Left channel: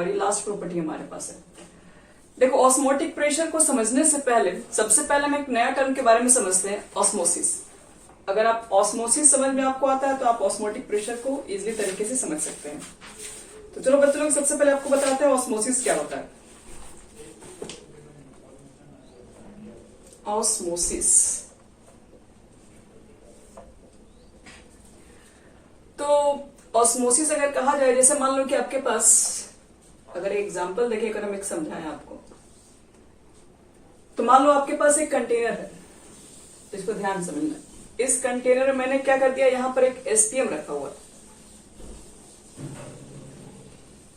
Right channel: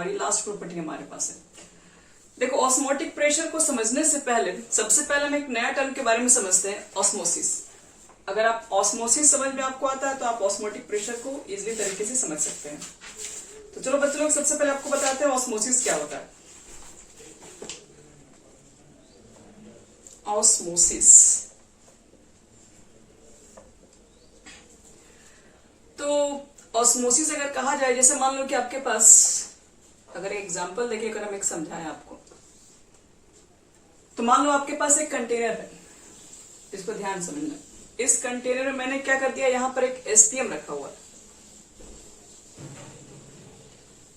और ये last property हमारे पास है। देखो ऑस्मोटिक प्रेशर को समझने से पहले सबसे पहले हम एक नया टर्म के बारे में समझते हैं, ऑस्मोसिस। अगर आप ऑस्मोसिस समझ में आपको आता है तो आप ऑस्मोटिक प्रेशर को इजीली तरीके से समझ सकते हैं। तो चलो बच्चों लोग सबसे पहले आपको बताते हैं ऑस्मोसिस क्या होता है। ऑस्मोसिस तो ऑस्मोसिस अगर कहा जाए, जैसे मान लो कि आपके पास अगर एग्जांपल देखे, अगर हम एक समझाएं आपको, तो मान लो आपके पास एक कंटेनर है, इसको ध्यान से समझना। इस कंटेनर में मैंने क्या कर दिया, यहां पर एक एसपीएम रखा हुआ है।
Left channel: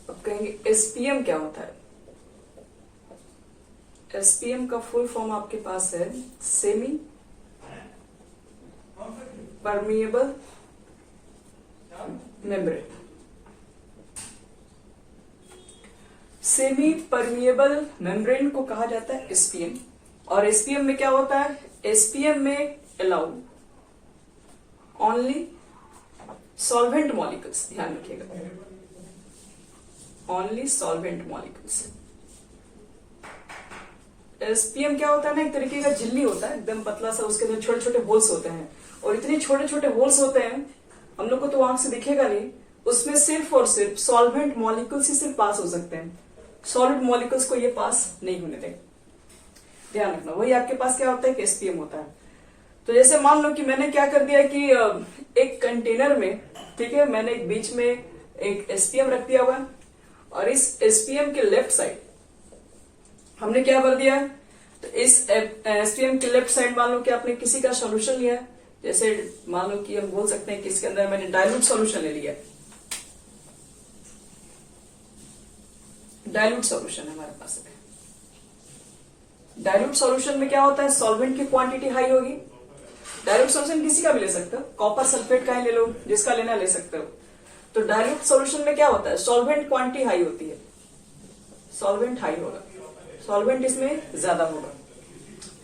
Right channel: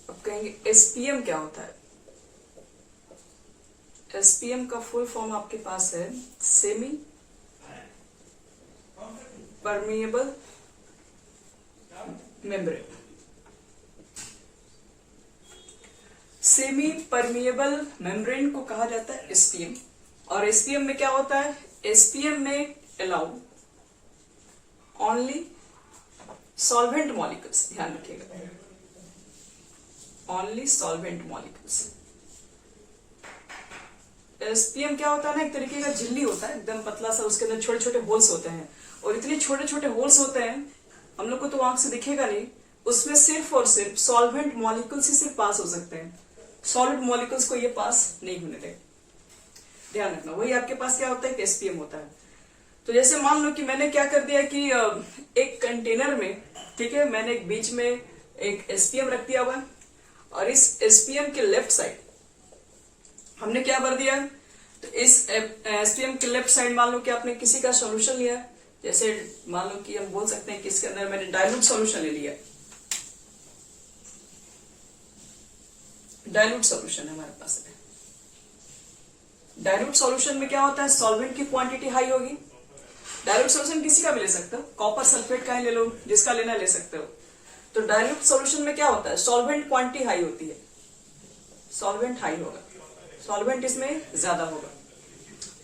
अब कहेंगे एसपीएम क्या होता है? एसपीएम का फुल फॉर्म आपके पास है semi permeable membrane. Semi permeable membrane को कहा जाता है एसपीएम। और एसपीएम में क्या होता है? एसपीएम में अलाउ ओनली सॉल्वेंट मॉलिक्यूल्स, ध्यान रखिएगा, ओनली सॉल्वेंट मॉलिक्यूल्स। एसपीएम क्या होता है ना, एक तरीके का झिल्ली होता है, एकदम पतला सा, उसके अंदर छोटे छोटे होल्स होते हैं। और इतने छोटे छोटे होल्स होते हैं, हम लोग को तो आंख से दिखेगा नहीं, उसमें सिर्फ और सिर्फ सॉल्वेंट मॉलिक्यूल्स ही सिर्फ पास हो सकते हैं, सॉलिड मॉलिक्यूल्स को ये पास नहीं होने देंगे। ध्यान रखना, वही आपके पास क्या होता है, एसपीएम होता है। तो जैसे मान लो कि मैंने क्या कर दिया कि एक कंटेनर में, ठीक है, मैंने एक बीच में एक एसपीएम रख दिया हुआ है, और इस एसपीएम के लेफ्ट साइड हमने क्या भर दिया है, तो इस एसपीएम के लेफ्ट साइड मान लो कि आपने किसी का सॉल्यूशन लिया, जैसे मान लो कि हम बोल सकते हैं कि इसके अंदर मैंने डाइल्यूट सॉल्यूशन ले लिया। डाइल्यूट सॉल्यूशन है हमारे पास। डाइल्यूट सॉल्यूशन में क्या होता है, सॉल्वेंट की क्वांटिटी हाई होगी। डाइल्यूट सॉल्यूशन किसी का भी ले सकते हो, कॉपर सल्फेट का ही ले लो, जिसका लेना ले सकते हो। तो डाइल्यूट सॉल्यूशन में क्या होता है, सॉल्वेंट क्वांटिटी हाई होती है, सॉल्वेंट हाई होगा, सॉल्वेंट इसमें ज्यादा होगा।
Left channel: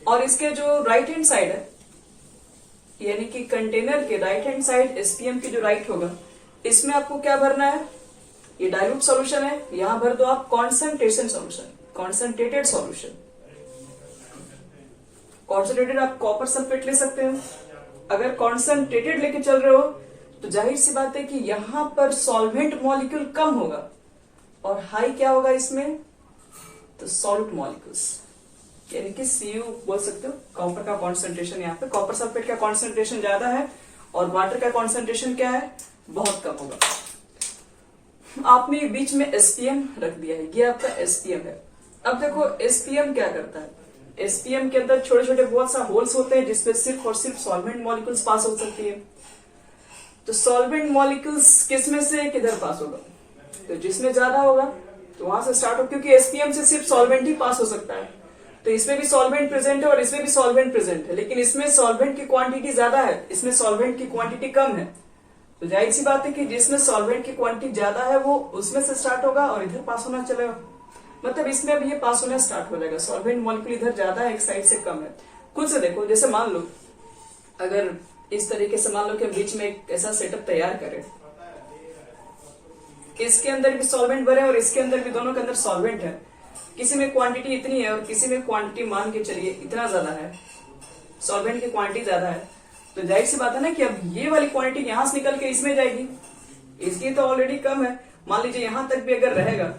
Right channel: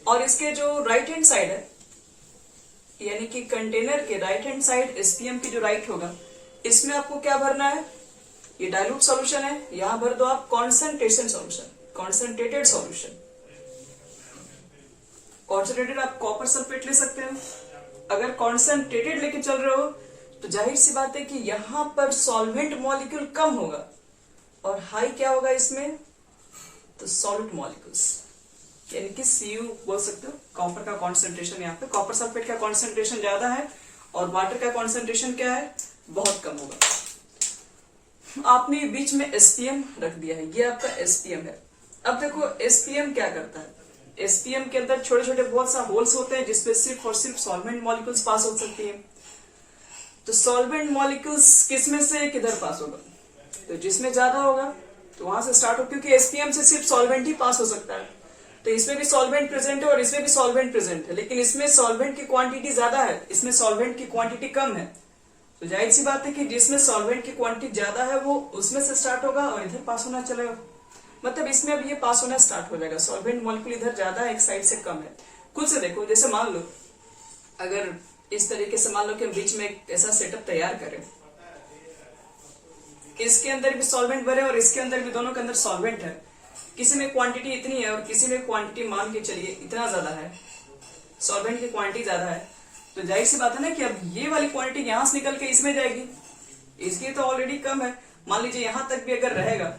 और इसके जो राइट हैंड साइड है, यानी कि कंटेनर के राइट हैंड साइड एसपीएम की जो राइट होगा, इसमें आपको क्या भरना है, ये डाइल्यूट सॉल्यूशन है, यहां भर दो आप concentration solution, concentrated solution. Concentrated आप कॉपर सल्फेट ले सकते हो। अगर कॉन्सेंट्रेटेड लेके चल रहे हो तो जाहिर सी बात है कि यहां पर सॉल्वेंट मॉलिक्यूल कम होगा और हाई क्या होगा इसमें, तो सॉल्ट मॉलिक्यूल्स, यानी कि सीयू बोल सकते हो। कॉपर का कॉन्सेंट्रेशन, यहाँ पे कॉपर सल्फेट का कॉन्सेंट्रेशन ज्यादा है और वाटर का कॉन्सेंट्रेशन क्या है, बहुत कम होगा। आपने बीच में एसपीएम रख दिया है, ये आपका एसपीएम है। अब देखो एसपीएम क्या करता है, एसपीएम के अंदर छोटे छोटे बहुत सा होल्स होते हैं जिसपे सिर्फ और सिर्फ सॉल्वेंट मॉलिक्यूल्स पास हो सकती है। तो सॉल्वेंट मॉलिक्यूल्स किसमें से किधर पास होगा, तो जिसमें ज्यादा होगा तो वहां से स्टार्ट हो, क्योंकि एसपीएम से सिर्फ सॉल्वेंट ही पास हो सकता है। तो इसमें भी सॉल्वेंट प्रेजेंट है और इसमें भी सॉल्वेंट प्रेजेंट है, लेकिन इसमें सॉल्वेंट की क्वांटिटी ज्यादा है, इसमें सॉल्वेंट की क्वांटिटी कम है। तो जाहिर सी बात है कि जिसमें सॉल्वेंट की क्वांटिटी ज्यादा है वो उसमें से स्टार्ट होगा और इधर पास होना चलेगा, मतलब इसमें भी ये पास होना स्टार्ट हो जाएगा। सॉल्वेंट मॉलिक्यूल इधर ज्यादा है, एक साइड से कम है। खुद से देखो, जैसे मान लो अगर इस तरीके से मान लो कि हम बीच में एक ऐसा सेटअप तैयार करें, इसके अंदर भी सॉल्वेंट भरे और इसके अंदर भी, दोनों के अंदर सॉल्वेंट है, किसी में क्वांटिटी इतनी है और किसी में क्वांटिटी मान के चलिए इतना ज्यादा है, सॉल्वेंट की क्वांटिटी ज्यादा है, तो जाहिर सी बात है ना कि अब ये वाली क्वांटिटी यहां से निकल के इसमें जाएगी, इसकी तो ऑलरेडी कम है। मान लीजिए यहां तक भी अगर रहेगा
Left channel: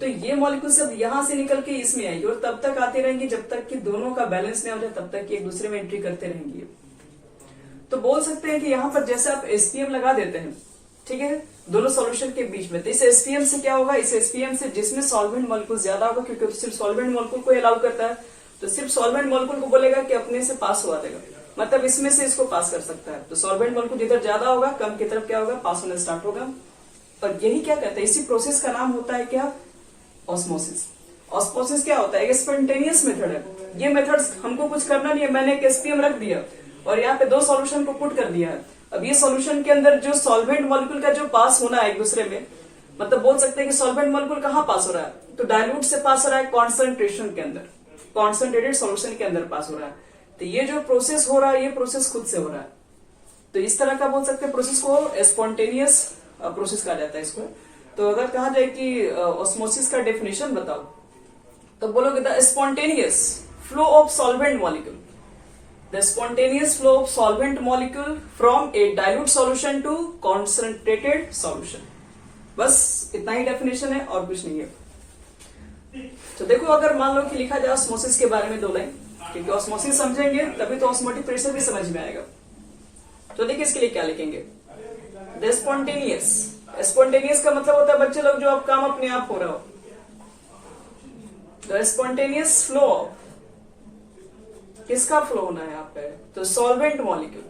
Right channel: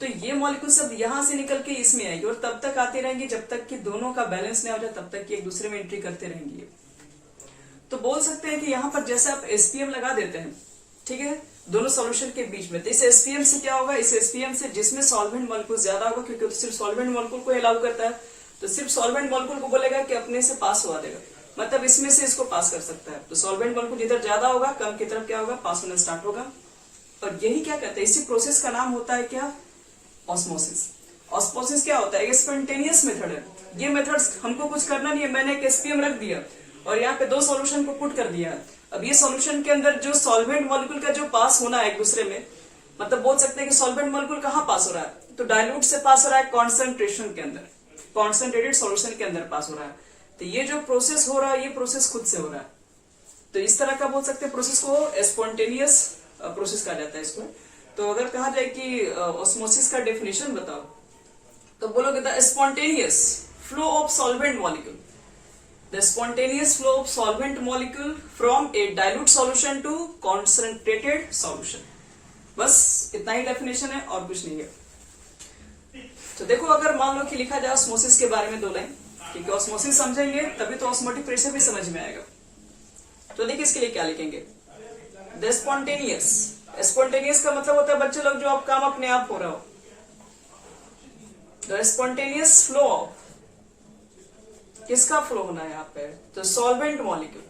तो ये मॉलिक्यूल सब यहां से निकल के इसमें आएगी और तब तक आती रहेंगी जब तक कि दोनों का बैलेंस नहीं हो जाए, तब तक कि एक दूसरे में एंट्री करते रहेंगी। तो बोल सकते हैं कि यहाँ पर जैसे आप एसपीएम लगा देते हैं, ठीक है, दोनों सॉल्यूशन के बीच में, तो इस एसपीएम से क्या होगा, इस एसपीएम से जिसमें सॉल्वेंट मॉलिक्यूल ज्यादा होगा, क्योंकि तो सिर्फ सॉल्वेंट मॉलिक्यूल को अलाउ करता है, तो सिर्फ सॉल्वेंट मॉलिक्यूल को बोलेगा कि अपने से पास हुआ देगा, मतलब इसमें से इसको पास कर सकता है। तो सॉल्वेंट मॉलिक्यूल जिधर ज्यादा होगा, कम की तरफ क्या होगा, पास होना स्टार्ट होगा। और यही क्या कहते हैं, इसी प्रोसेस का नाम होता है क्या, ऑस्मोसिस। ऑस्मोसिस क्या होता है, स्पॉन्टेनियस मेथड है। ये मेथड हमको कुछ करना नहीं है, मैंने एक एसपीएम रख दिया और यहाँ पे दो सॉल्यूशन को पुट कर दिया है। अब ये सॉल्यूशन के अंदर जो सॉल्वेंट मॉलिक्यूल का जो पास होना है एक दूसरे में, मतलब बोल सकते हैं कि सॉल्वेंट मॉलिक्यूल कहाँ पास हो रहा है, तो डाइल्यूट से पास हो रहा है कॉन्सेंट्रेशन के अंदर, कॉन्सेंट्रेटेड सॉल्यूशन के अंदर पास हो रहा है। तो ये जो प्रोसेस हो रहा है, ये प्रोसेस खुद से हो रहा है। तो इस तरह का बोल सकते हैं प्रोसेस को स्पॉन्टेनियस प्रोसेस कहा जाता है इसको। तो अगर कहा जाए कि ऑस्मोसिस का डेफिनेशन बताओ, तो बोलोगे the spontaneous flow of solvent molecule, the spontaneous flow of solvent molecule from a dilute solution to concentrated solution. बस इतना ही डेफिनेशन है और कुछ नहीं है। तो देखो, अगर मान लो कि लिखा जाए ऑस्मोसिस के बारे में 2 लाइन, क्योंकि ऑस्मोसिस समझेंगे तभी तो ऑस्मोटिक प्रेशर भी समझ में आएगा। तो देखिए इसके लिए क्या लिखेंगे, द स्पॉन्टेनियस, स्पॉन्टेनियस का मतलब होता है बच्चे लोग जो आप काम अपने आप हो रहा हो। द स्पॉन्टेनियस फ्लो ऑफ, किसका फ्लो होना है यहाँ पे, तो सॉल्वेंट मॉलिक्यूल,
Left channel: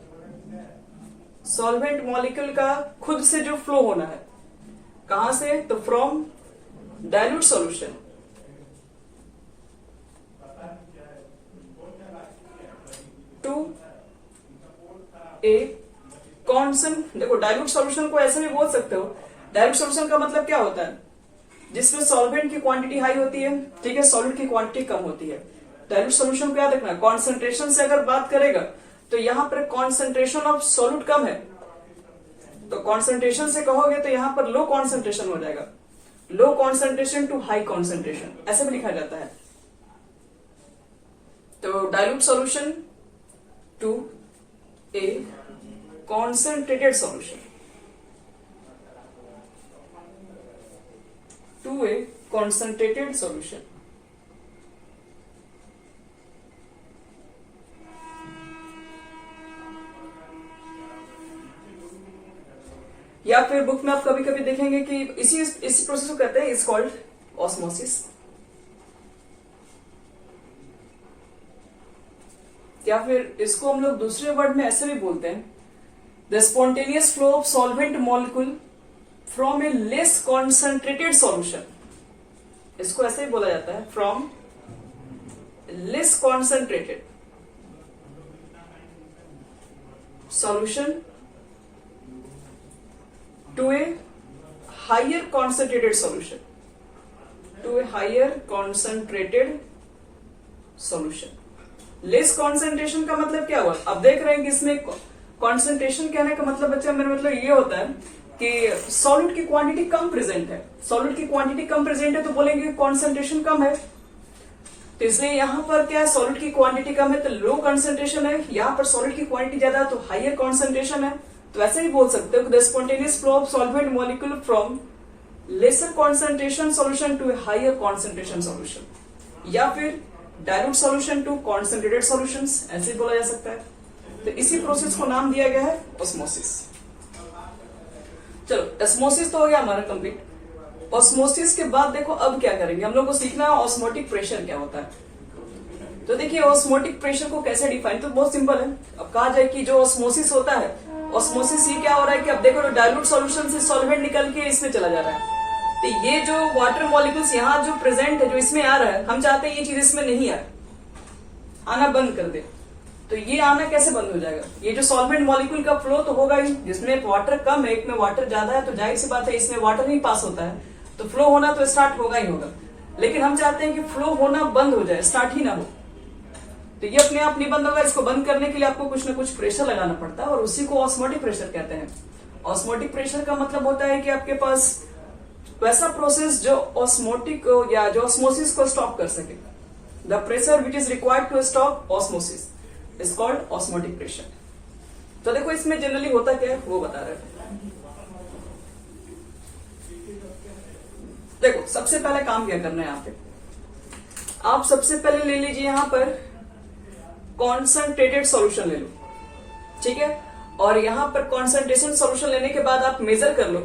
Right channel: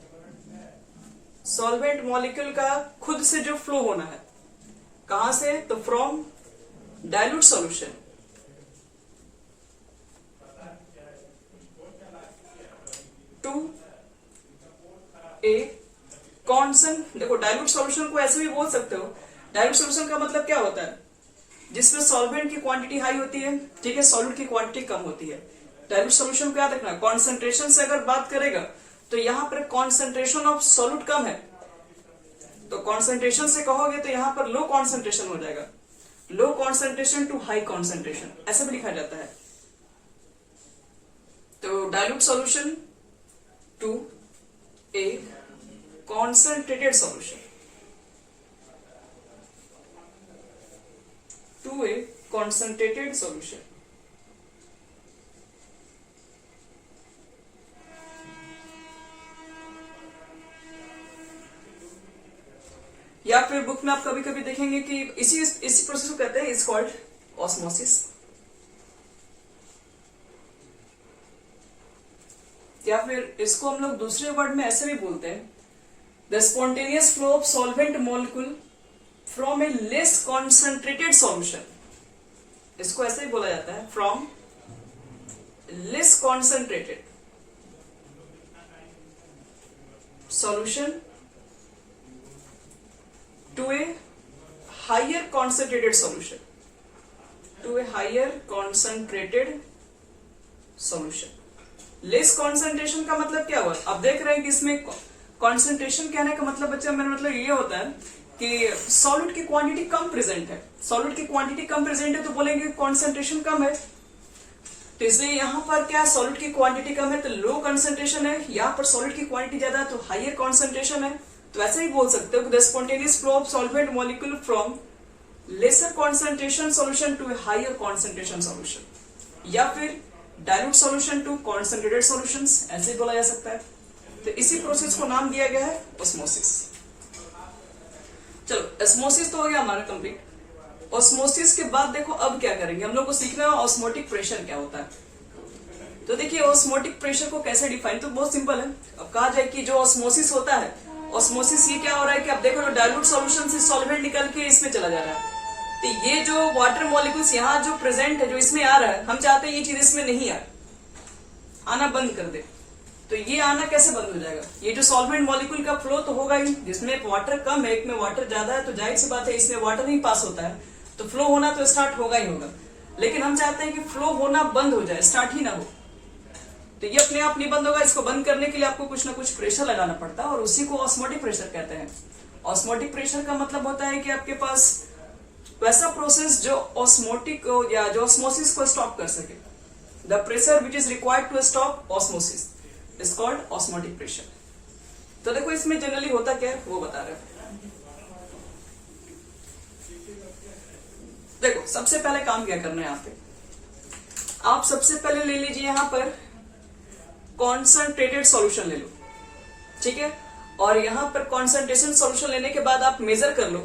सॉल्वेंट मॉलिक्यूल का खुद से जो फ्लो होना है, कहां से, तो from dilute solution to a concent. देखो डाइल्यूट सॉल्यूशन को ऐसे भी बोल सकते हो, डाइल्यूट सॉल्यूशन का मतलब क्या होता है, जिसमें सॉल्वेंट की क्वांटिटी हाई होती है, ठीक है, सॉल्यूट की क्वांटिटी कम होती है। डाइल्यूट सॉल्यूशन को याद रखना, कॉन्सेंट्रेशन से अगर बात करेगा तो यहां पर कॉन्सेंट्रेशन ऑफ सॉल्यूट कम है, तो कॉन्सेंट्रेशन से कहोगे तो यहां पर लो कॉन्सेंट्रेशन हो जाएगा, low concentration to high concentration, ऐसा भी लिखा जाता है। तो dilute solution to a concentrated solution, to a concentrated solution। या फिर बुक में आप कभी कभी देखेंगे कि इसी प्रोसेस को कहते हैं, इज कॉल्ड ऑस्मोसिस। या फिर इसको हम लोग दूसरे वर्ड में ऐसे भी बोलते हैं, the spontaneous flow of solvent molecule from a less concentrated solution, इसको ऐसे ही बोला जाता है, from less concentrated solution to a higher concentrated solution, to a higher concentrated solution. Less concentration का मतलब क्या हुआ, अब देख रहे हैं कि इसमें कॉन्सेंट्रेशन कहने का मतलब बच्चा, मेरा मतलब ये होता है कि सॉल्यूट की क्वांटिटी कम प्रेजेंट है, सॉल्यूट की क्वांटिटी कम प्रेजेंट है तो बोलेंगे कॉन्सेंट्रेशन कम है। तो इसलिए यहां पर क्या है, सॉल्यूट की क्वांटिटी कम है तो लो कॉन्सेंट्रेशन है, यहां पर सॉल्यूट की क्वांटिटी ज्यादा है तो हायर कॉन्सेंट्रेशन है। तो ऐसे ही बोल सकते हो, the spontaneous flow of solvent molecule from lesser concentration solution to higher concentration solution, या फिर dilute solution to concentrated solutions, ऐसे ही बोला जा सकता है। तो इसी प्रोसेस को नाम दिया गया है ऑस्मोसिस। चलो ऑस्मोसिस तो हो गया हमारा कंप्लीट। ऑस्मोसिस के बाद देखो अब क्या करेंगे, हम लोग को सीखना है ऑस्मोटिक प्रेशर क्या होता है। तो देखिए ऑस्मोटिक प्रेशर को कैसे डिफाइन, तो बहुत सिंपल है। अब कहा जाए कि जो ऑस्मोसिस होता है, ऑस्मोसिस ये क्या हो रहा है कि अब देखो डाइल्यूट सॉल्यूशन से सॉल्वेंट निकल के इसमें चला जा रहा है, तो ये जो वाटर मॉलिक्यूल्स यहाँ जो प्रेजेंट है, जो इसमें आ रहा है, हम चाहते हैं ये चीज इसमें नहीं आए, आना बंद कर दे। तो ये आना कैसे बंद हो जाएगा, ये जो सॉल्वेंट मॉलिक्यूल का फ्लो तो होगा ही, जिसमें वाटर कम है एक में वाटर ज्यादा है, तो जाहिर सी बात है इसमें वाटर नहीं पास होता है, तो फ्लो होना तो स्टार्ट होगा ही होगा। लेकिन हम चाहते हैं कि फ्लो होना बंद हो जाए, स्टार्ट ही ना हो, तो ये अपने आप नहीं बंद होगा। इसको बंद करने के लिए आपको कुछ ना कुछ प्रेशर लगाना पड़ता है और उसी को ऑस्मोटिक प्रेशर कहते हैं। ऑस्मोटिक प्रेशर का मतलब होता है कि आपके पास वैसा प्रोसेस जो ऑस्मोटिक या जो ऑस्मोसिस को स्टॉप कर सके। The pressure which is required to stop osmosis is called osmotic pressure. तो देखो इसमें जनरली होता क्या है वो बता रहे हो। देखो सबसे पहले काम क्या करना है यहाँ पे, आप सबसे पहले ले लीजिए यहाँ पर कॉन्सेंट्रेटेड सॉल्यूशन ले लो, ठीक है। और यहाँ पर कॉन्सेंट्रेशन सॉल्यूशन लेने के बाद आप मेजर कर लो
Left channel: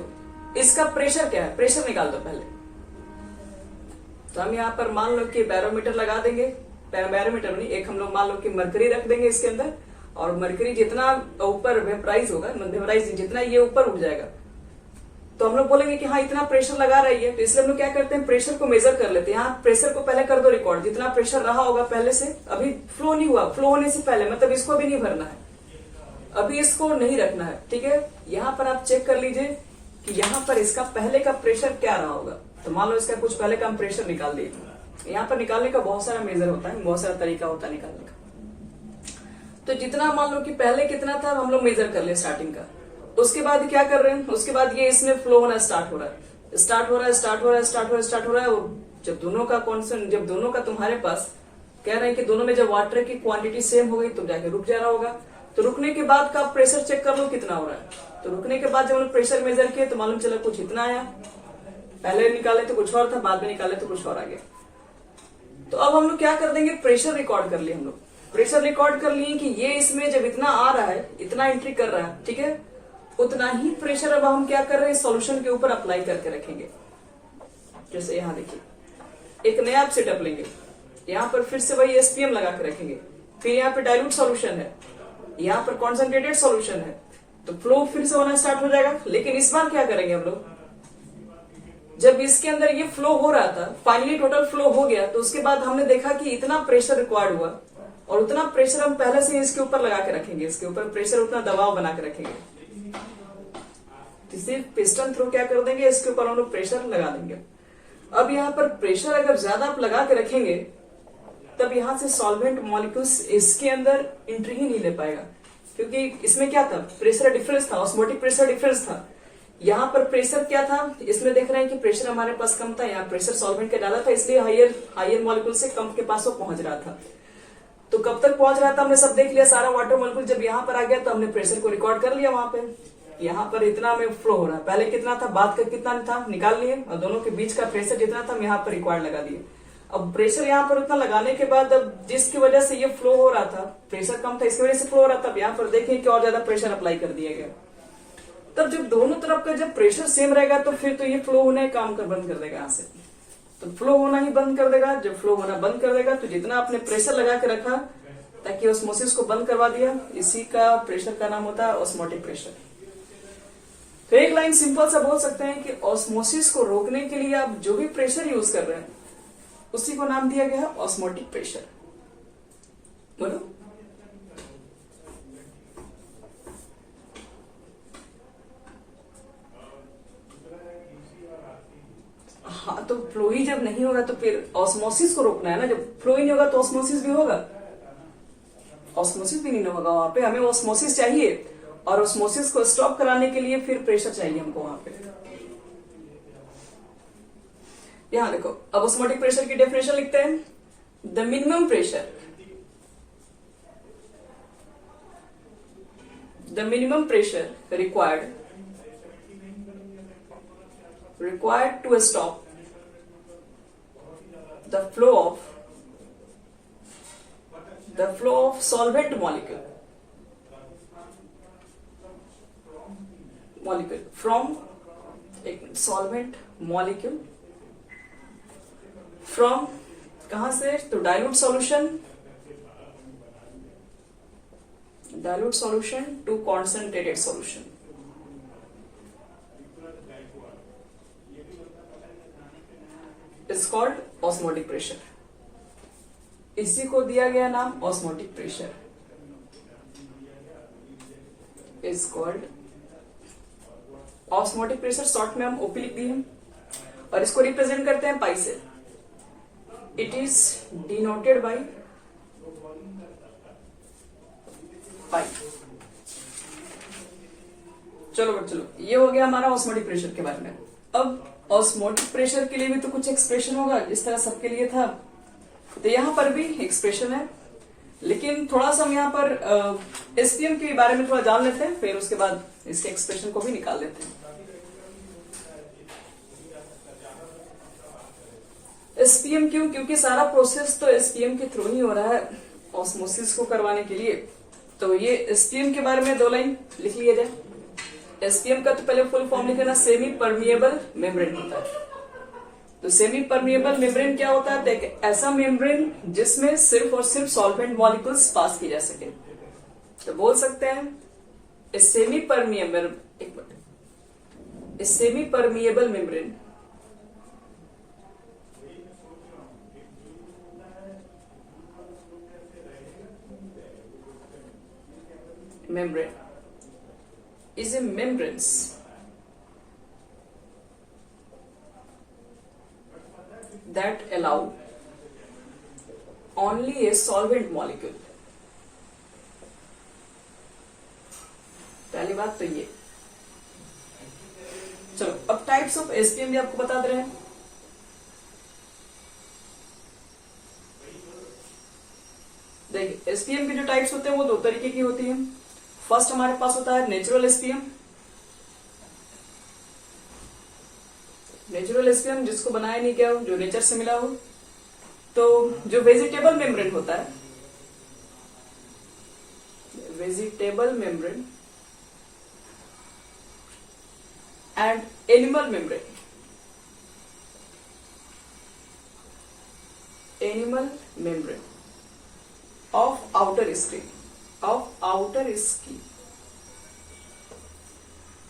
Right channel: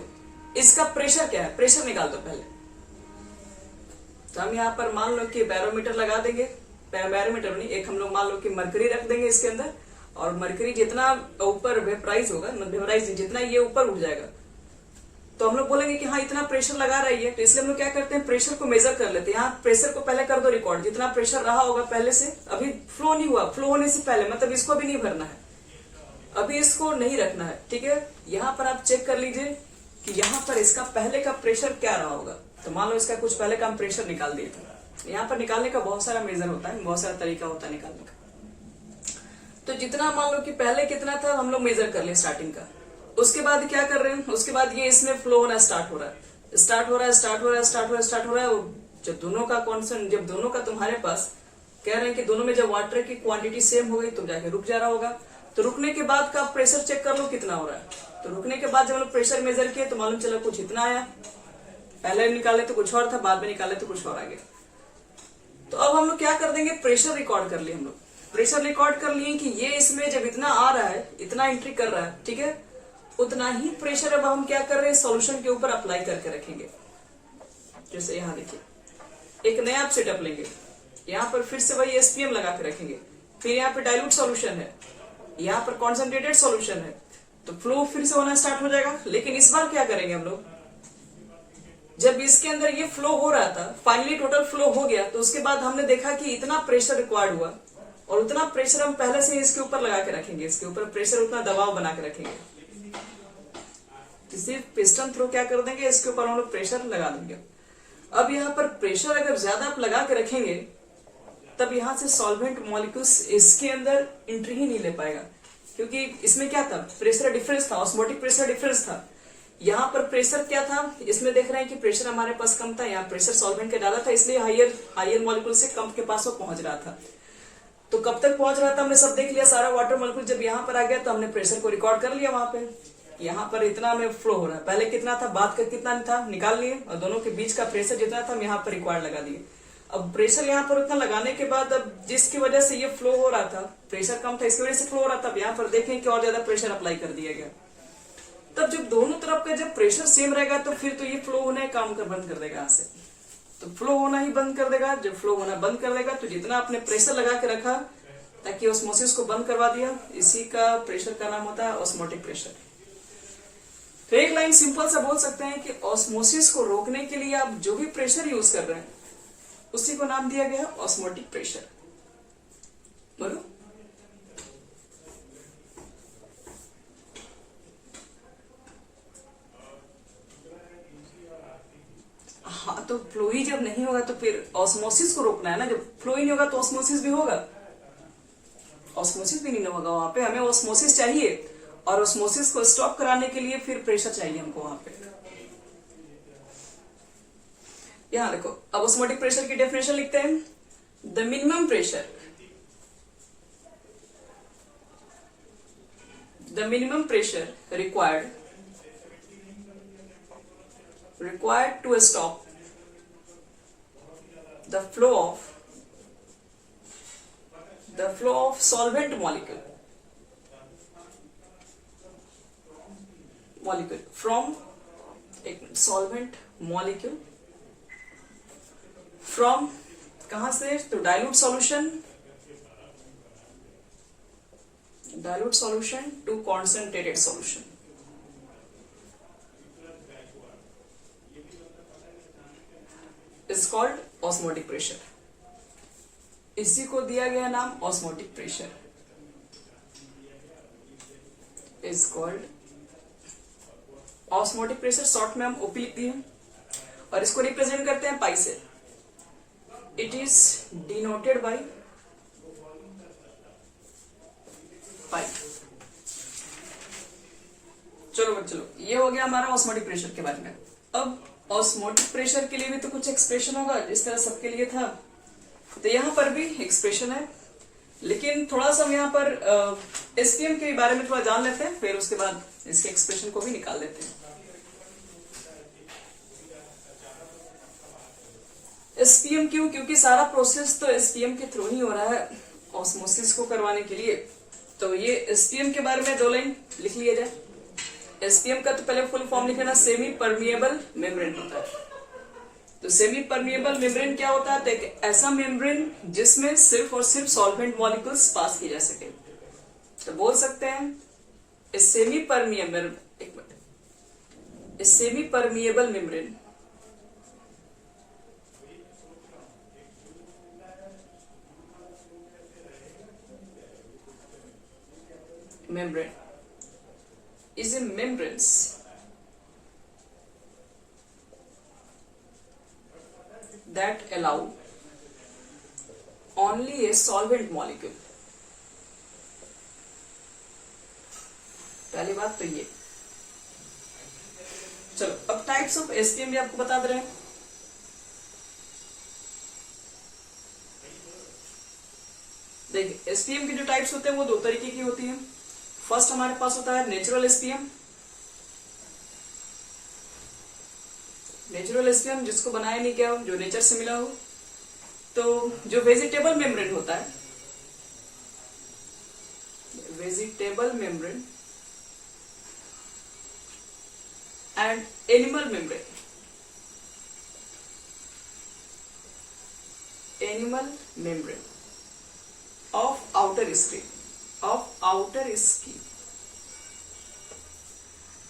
इसका प्रेशर क्या है, प्रेशर निकाल दो पहले। तो हम यहाँ पर मान लो कि बैरोमीटर लगा देंगे, बैरोमीटर नहीं, एक हम लोग मान लो कि मरकरी रख देंगे इसके अंदर, और मरकरी जितना ऊपर वेपराइज होगा, वेपराइज जितना ये ऊपर उठ जाएगा, तो हम लोग बोलेंगे कि हाँ इतना प्रेशर लगा रही है। तो इसलिए हम लोग क्या करते हैं, प्रेशर को मेजर कर लेते हैं। यहाँ प्रेशर को पहले कर दो रिकॉर्ड, जितना प्रेशर रहा होगा पहले से, अभी फ्लो नहीं हुआ, फ्लो होने से पहले, मतलब इसको भी नहीं भरना है, अभी इसको नहीं रखना है, ठीक है। यहाँ पर आप चेक कर लीजिए कि यहाँ पर इसका पहले का प्रेशर क्या रहा होगा। तो मान लो इसका कुछ पहले का हम प्रेशर निकाल दिए, यहाँ पर निकालने का बहुत सारा मेजर होता है, बहुत सारा तरीका होता है निकालने का। तो जितना मान लो कि पहले कितना था हम लोग मेजर कर ले स्टार्टिंग का, उसके बाद क्या कर रहे हैं, उसके बाद ये इसमें फ्लो होना स्टार्ट हो रहा है, स्टार्ट हो रहा है, स्टार्ट हो रहा है, स्टार्ट हो रहा है, स्टार्ट हो रहा है। जब दोनों का कॉन्सेंट, जब दोनों का तुम्हारे पास कह रहे हैं कि दोनों में जब वाटर की क्वांटिटी सेम हो गई तो जाके रुक जा रहा होगा। तो रुकने के बाद का प्रेशर चेक कर लो कितना हो रहा है। तो रुकने के बाद जब हम प्रेशर मेजर किए तो मालूम चला कुछ इतना आया। पहले निकाले तो कुछ और था, बाद में निकाले तो कुछ और आ गया। तो अब हम लोग क्या कर देंगे, प्रेशर रिकॉर्ड कर लिए। हम लोग प्रेशर रिकॉर्ड कर लिए कि ये इसमें जब इतना आ रहा है, इतना एंट्री कर रहा है, ठीक है, उतना ही प्रेशर अब हम क्या कर रहे हैं, सॉल्यूशन के ऊपर अप्लाई करके रखेंगे। जैसे यहाँ देखिए, एक नया आप सेटअप लेंगे, यहाँ पर फिर से वही एसपीएम लगा के रखेंगे। फिर यहाँ पे डाइल्यूट सॉल्यूशन है, यहाँ पर कॉन्सेंट्रेटेड सॉल्यूशन है, तो फ्लो फिर से होना स्टार्ट हो जाएगा। लेकिन इस बार क्या करेंगे हम लोग, जब इसके अंदर ये फ्लो हो रहा था, फाइनली टोटल फ्लो हो गया, तो उसके बाद हमने देखा कि इतना प्रेशर रिक्वायर्ड हुआ और उतना प्रेशर हम पहले से इसके ऊपर लगा के रखेंगे। इसके ऊपर प्रेशर, उतना दबाव बना के रखेंगे। किसी पिस्टन थ्रो क्या कर देंगे, इसके ऊपर हम लोग प्रेशर लगा देंगे। अब यहाँ पर प्रेशर अगर ज्यादा आप लगा के रखेंगे तब यहाँ से सॉल्वेंट मॉलिक्यूल्स इसके अंदर एंट्री ही नहीं ले पाएगा, क्योंकि इसमें क्या था, प्रेशर डिफरेंस था, ऑस्मोटिक प्रेशर डिफरेंस था। यहाँ पर प्रेशर क्या था, इसमें देख रहे हैं कि प्रेशर हमारे पास कम था, यहाँ प्रेशर सॉल्वेंट का ज्यादा था, इसलिए हायर मॉलिक्यूल से कम के पास वो पहुंच रहा था। तो कब तक पहुंच रहा था हमने सब देख लिया, सारा वाटर मॉलिक्यूल जब यहाँ पर आ गया तो हमने प्रेशर को रिकॉर्ड कर लिया। वहां पे यहाँ पर इतना में फ्लो हो रहा है, पहले कितना था, बाद का कितना था निकाल लिए, और दोनों के बीच का प्रेशर जितना था हम यहाँ पर रिकॉर्ड लगा दिए। अब प्रेशर यहाँ पर उतना लगाने के बाद अब जिसकी वजह से ये फ्लो हो रहा था, प्रेशर कम था इसकी वजह से फ्लो हो रहा था, अब यहाँ पर देखें कि और ज्यादा प्रेशर अप्लाई कर दिया गया। तब जब दोनों तरफ का जब प्रेशर सेम रहेगा तो फिर तो ये फ्लो होना काम कर बंद कर देगा। यहाँ से तो फ्लो होना ही बंद कर देगा। जब फ्लो होना बंद कर देगा तो जितना आपने प्रेशर लगा के रखा ताकि ऑस्मोसिस को बंद करवा दिया, इसी का प्रेशर का नाम होता है ऑस्मोटिक प्रेशर। तो एक लाइन सिंपल सा बोल सकते हैं कि ऑस्मोसिस को रोकने के लिए आप जो भी प्रेशर यूज कर रहे हैं उसी को नाम दिया गया है ऑस्मोटिक प्रेशर। बोलो। हाँ, तो फ्लो ही जब नहीं होगा तो फिर ऑस्मोसिस को रोकना है ना। जब फ्लो ही नहीं होगा तो ऑस्मोसिस भी होगा, ऑस्मोसिस भी नहीं होगा। वहां पे हमें ऑस्मोसिस चाहिए और ऑस्मोसिस को स्टॉप कराने के लिए फिर प्रेशर चाहिए हमको वहां पे। यहां देखो, अब ऑस्मोटिक प्रेशर की डेफिनेशन लिखते हैं। The minimum pressure, the minimum pressure required to stop the flow of solvent molecule from solvent molecule from कहां से, तो dilute solution to concentrated solution। Is called osmotic pressure. इसी को दिया गया नाम osmotic pressure, is called osmotic pressure. Short में हम ओपी लिख दिए और इसको रिप्रेजेंट करते हैं पाई से। It is denoted by pi. चलो बच्चों, ये हो गया हमारा ऑस्मोटिक प्रेशर के बारे में। अब ऑस्मोटिक प्रेशर के लिए भी तो कुछ एक्सप्रेशन होगा जिस तरह सबके लिए था, तो यहाँ पर भी एक्सप्रेशन है। लेकिन थोड़ा सा हम यहाँ पर एसपीएम के बारे में थोड़ा जान लेते हैं, फिर उसके बाद इसके एक्सप्रेशन को भी निकाल देते हैं। एसपीएम क्यों, क्योंकि सारा प्रोसेस तो एसपीएम के थ्रू ही हो रहा है ऑस्मोसिस को करवाने के लिए। तो ये एसपीएम के बारे में 2 लाइन लिख लिया जाए। एसपीएम का तो पहले फुल फॉर्म लिख लेना, सेमी परमिएबल मेम्ब्रेन होता है। तो सेमी परमिएबल मेम्ब्रेन क्या होता है, तो एक ऐसा मेम्ब्रेन जिसमें सिर्फ और सिर्फ सॉल्वेंट मॉलिक्यूल्स पास की जा सके। तो बोल सकते हैं semi permeable membrane is a membranes that allow only a solvent molecule। पहली बात तो ये। चलो अब टाइप्स ऑफ एसपीएम भी आपको बता दे रहे हैं। देखिए एसपीएम के जो टाइप्स होते हैं वो दो तरीके की होती हैं। फर्स्ट हमारे पास होता है नेचुरल एसपीएम। नेचुरल एसपीएम जिसको बनाया नहीं गया हो, जो नेचर से मिला हो। तो जो वेजिटेबल मेम्ब्रेन होता है, vegetable membrane and animal membrane, animal membrane of outer skin, of outer skin.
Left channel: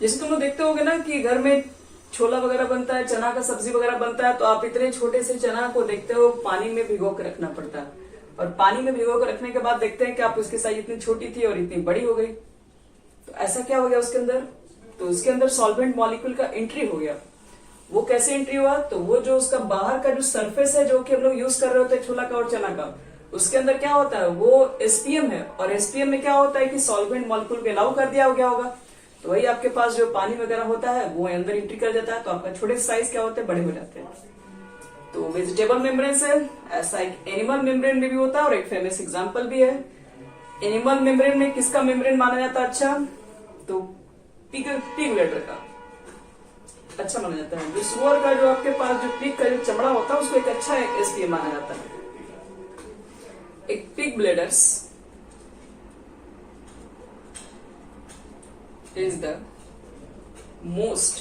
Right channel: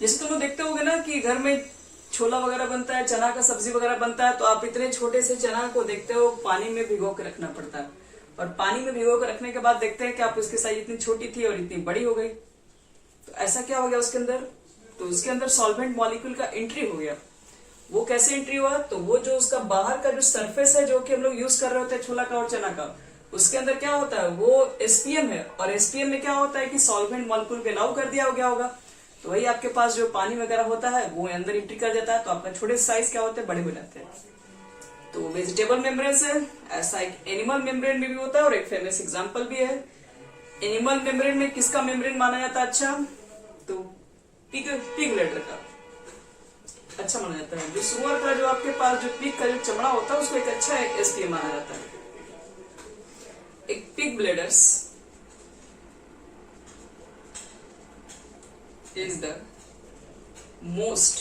जैसे तुम लोग देखते होगे ना कि घर में छोला वगैरह बनता है, चना का सब्जी वगैरह बनता है, तो आप इतने छोटे से चना को देखते हो पानी में भिगो कर रखना पड़ता है, और पानी में भिगो कर रखने के बाद देखते हैं कि आप उसकी साइज इतनी छोटी थी और इतनी बड़ी हो गई। तो ऐसा क्या हो गया उसके अंदर? तो उसके अंदर सॉल्वेंट मॉलिक्यूल का एंट्री हो गया। वो कैसे एंट्री हुआ? तो वो जो उसका बाहर का जो सरफेस है, जो कि हम लोग यूज कर रहे होते हैं छोला का और चना का, उसके अंदर क्या होता है? वो एसपीएम है, और एसपीएम में क्या होता है कि सॉल्वेंट मॉलिक्यूल को अलाउ कर दिया गया होगा, तो वही आपके पास जो पानी वगैरह होता है वो अंदर एंट्री कर जाता है, तो आपका छोटे साइज क्या होते हैं? बड़े हो जाते हैं। तो वेजिटेबल मेम्ब्रेन है, ऐसा एक एनिमल मेम्ब्रेन में भी होता है, और एक फेमस एग्जांपल भी है। एनिमल मेम्ब्रेन में किसका मेम्ब्रेन माना जाता है अच्छा? तो पिग ब्लैडर का अच्छा माना जाता है। जो सुअर का जो आपके पास जो पिग का जो चमड़ा होता है उसको एक अच्छा एसपीएम माना जाता है। एक pig bladders is the most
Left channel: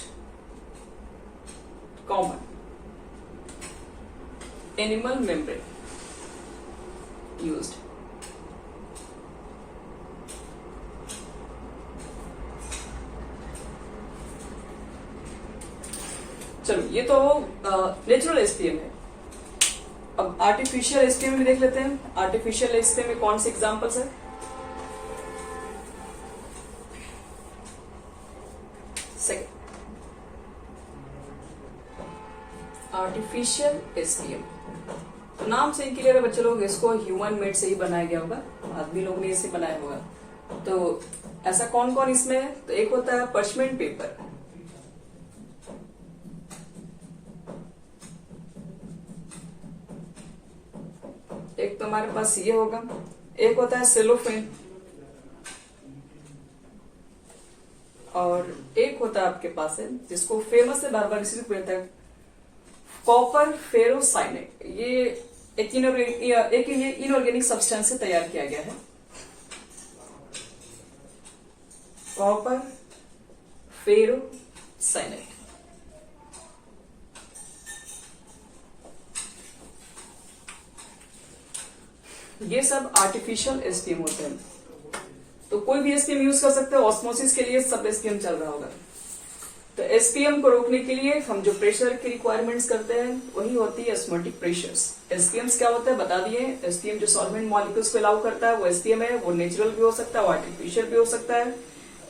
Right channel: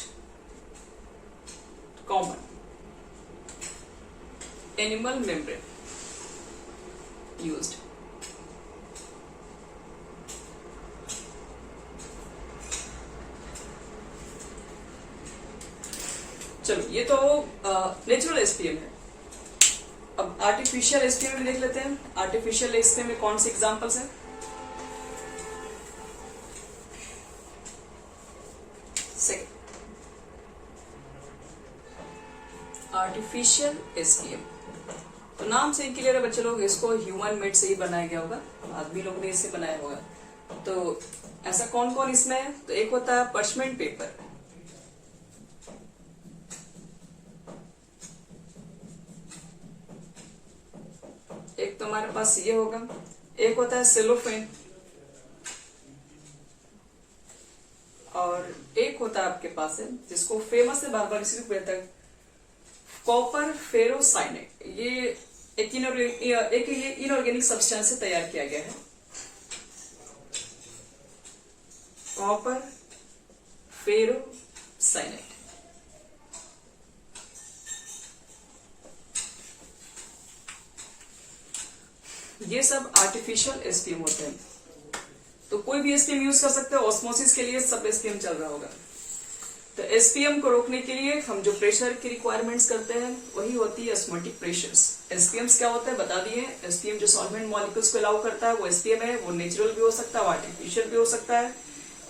common animal membrane used. चलो ये तो नेचुरल एसपीएम है। अब आर्टिफिशियल एसपीएम भी देख लेते हैं। आर्टिफिशियल एसपीएम में कौन से एग्जांपल्स है? आर्टिफिशियल एसपीएम, तो नाम से ही क्लियर है बच्चे लोग, इसको ह्यूमन मेड से ही बनाया गया होगा, आदमी लोग ने इसे बनाया होगा। तो ऐसा कौन कौन इसमें है? तो एक होता है पर्चमेंट पेपर, एक तो हमारे पास ये होगा, एक होता है सेलोफेन, और एक होता है आपके पास है जिसको फेमस है, बार बार इसी को कहता है कॉपर फेरोसाइनेट। ये एक इनऑर्गेनिक सब्सटेंस से तैयार किया गया है, कॉपर फेरोसाइनेट। ये सब आर्टिफिशियल एसपीएम होते हैं। तो कोई भी एसपीएम यूज कर सकते हैं। ऑस्मोसिस के लिए सब एसपीएम चल रहा होगा। तो एसपीएम को रोकने के लिए हम जो प्रेशर की रिक्वायरमेंट्स करते हैं वही होती है ऑस्मोटिक प्रेशर्स। एसपीएम्स क्या होता है बता दिए। एसपीएम जो सॉल्वेंट मॉलिक्यूल्स को अलाउ करता है वो एसपीएम है। वो नेचुरल भी हो सकता है, वो आर्टिफिशियल भी हो सकता है।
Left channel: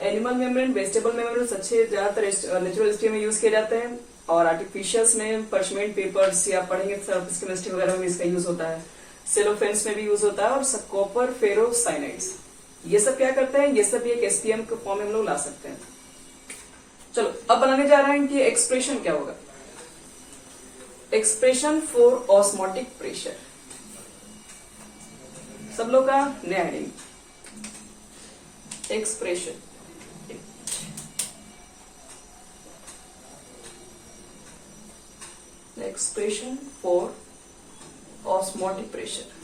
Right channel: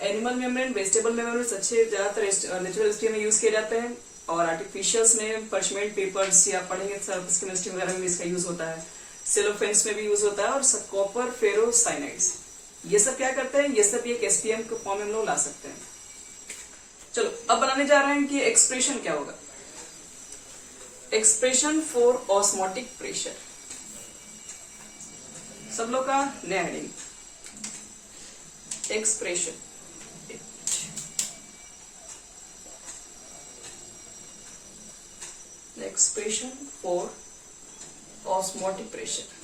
एनिमल मेम्ब्रेन, वेजिटेबल मेम्ब्रेन अच्छे ज्यादातर नेचुरल एसपीएम में यूज किए जाते हैं, और आर्टिफिशियल्स में पर्चमेंट पेपर्स या पढ़ेंगे सरफेस केमिस्ट्री वगैरह में इसका यूज होता है, सेलोफेन्स में भी यूज होता है, और कॉपर फेरोसाइनाइड्स ये सब क्या करते हैं, ये सब एक एसपीएम के फॉर्म में हम लोग ला सकते हैं। चलो अब बनाने जा रहे हैं कि एक्सप्रेशन क्या होगा। एक्सप्रेशन फॉर ऑस्मोटिक प्रेशर, सब लोग का नया heading expression. Expression for osmotic pressure.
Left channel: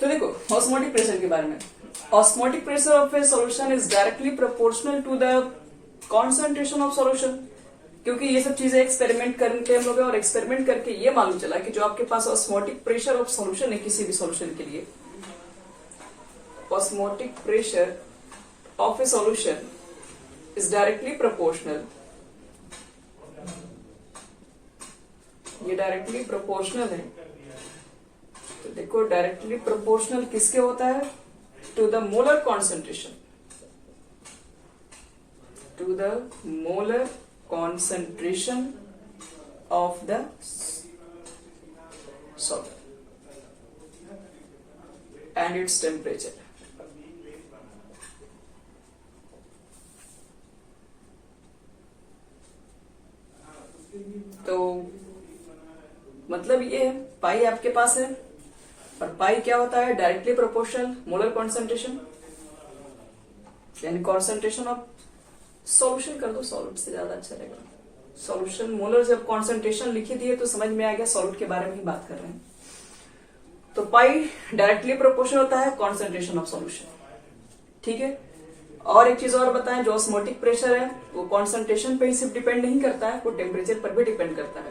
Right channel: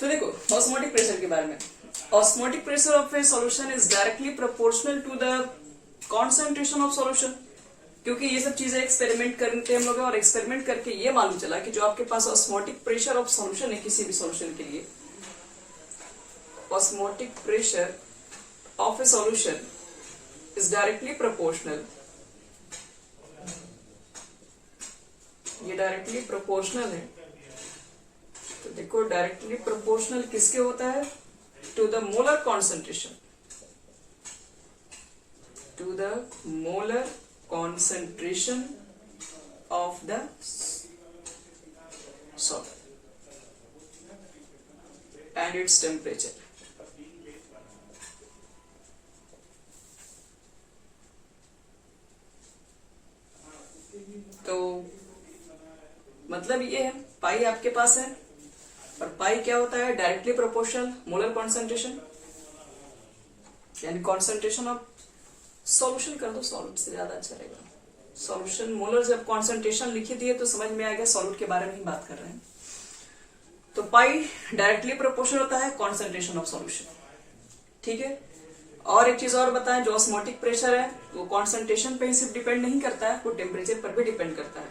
तो देखो ऑस्मोटिक प्रेशर के बारे में। Osmotic pressure of a solution is directly proportional to the concentration of solution. क्योंकि ये सब चीजें एक्सपेरिमेंट करते हम लोग, और एक्सपेरिमेंट करके ये मालूम चला कि जो आपके पास ऑस्मोटिक प्रेशर ऑफ सॉल्यूशन है किसी भी सॉल्यूशन के लिए, osmotic pressure of a solution is directly proportional, ये डायरेक्टली प्रोपोर्शनल है। तो देखो डायरेक्टली प्रोपोर्शनल किसके होता है, to the molar concentration, to the molar concentration of the solvent and its temperature. मतलब ये है पाई आपके पास है, और पाई क्या होता है, डायरेक्टली प्रोपोर्शनल मोलर कॉन्सेंट्रेशन, यानी कॉन्सेंट्रेशन ऑफ सॉल्यूशन कर दो, सॉल्यूट से ज्यादा अच्छा रहेगा। सॉल्यूशन मोलर, जब कॉन्सेंट्रेशन लिखी दिए तो समझ में आ गया सॉल्यूट के बारे में ही बात कर रहे हैं। तो पाई डायरेक्टली प्रोपोर्शनल होता है कॉन्सेंट्रेशन ऑफ सॉल्यूशन, ठीक है। और एक चीज और बताएं, जो ऑस्मोटिक प्रेशर है वो कॉन्सेंट्रेशन पे ही सिर्फ डिपेंड नहीं करता है, वो टेम्परेचर पर भी डिपेंड करता है,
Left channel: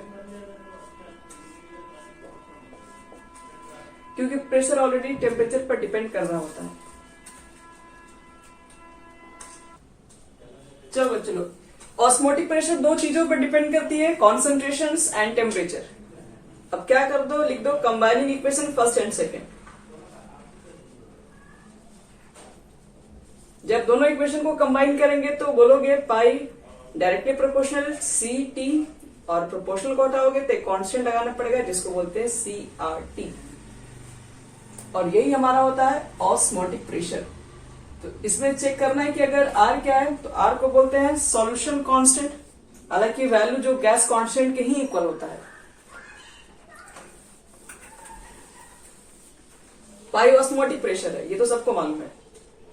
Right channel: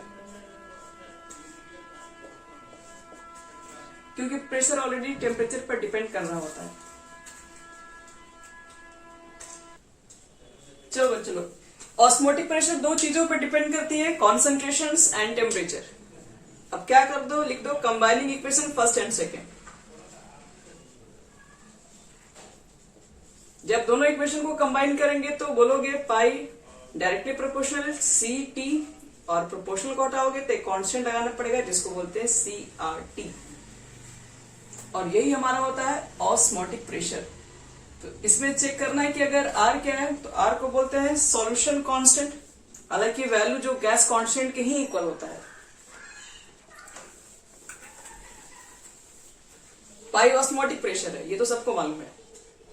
क्योंकि प्रेशर ऑलरेडी टेम्परेचर पर डिपेंड कर रहा होता है। चलो ऑस्मोटिक प्रेशर दो चीजों पर डिपेंड करती है, कॉन्सेंट्रेशंस एंड टेम्परेचर। अब क्या कर दो, लिख दो combining equation first and second. जब दोनों इक्वेशन को कंबाइन करेंगे तो बोलोगे पाई डायरेक्टली प्रोपोर्शनल सी टी, और प्रोपोर्शनल को हटाओगे तो एक कांस्टेंट लगाना पड़ेगा जिसको बोलते हैं सी आर टी, और यही हमारा होता है ऑस्मोटिक प्रेशर। तो इसमें चेक करना है कि अगर आर क्या है, तो आर को बोलते हैं सॉल्यूशन कांस्टेंट, हालांकि वैल्यू जो गैस कांस्टेंट के ही इक्वल होता है। पाई ऑस्मोटिक प्रेशर है, ये तो सबको मालूम है।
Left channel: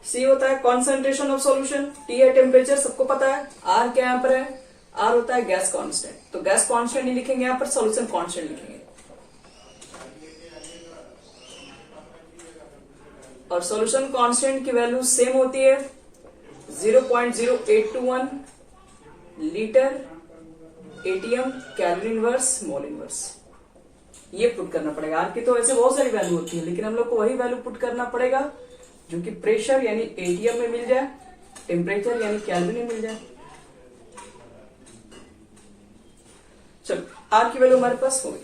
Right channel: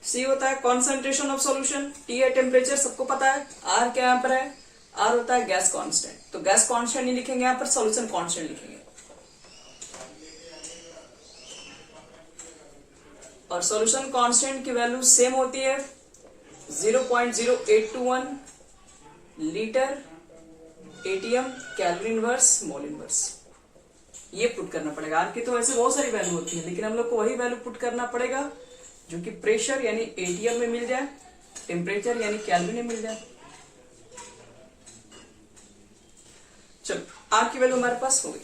सी होता है कॉन्सेंट्रेशन ऑफ सॉल्यूशन, टी है टेम्परेचर, सबको पता है। आर क्या यहाँ पर है, आर होता है गैस कांस्टेंट, तो गैस कांस्टेंट नहीं लिखेंगे यहाँ पर, सॉल्यूशन कांस्टेंट लिखेंगे। और सॉल्यूशन कांस्टेंट की वैल्यू सेम होती है 0.0821 litre ATM calorie inverse mole inverse. ये पुट करना पड़ेगा। आर की तो ऐसे बहुत सारी वैल्यू होती है, लेकिन हम लोग को वही वैल्यू पुट करना पड़ेगा जो कि प्रेशर यानी एटीएम में मिल जाए, टेम्परेचर यानी कैलोरी में मिल जाए। चलो आर की वैल्यू हमारे पास हो गई।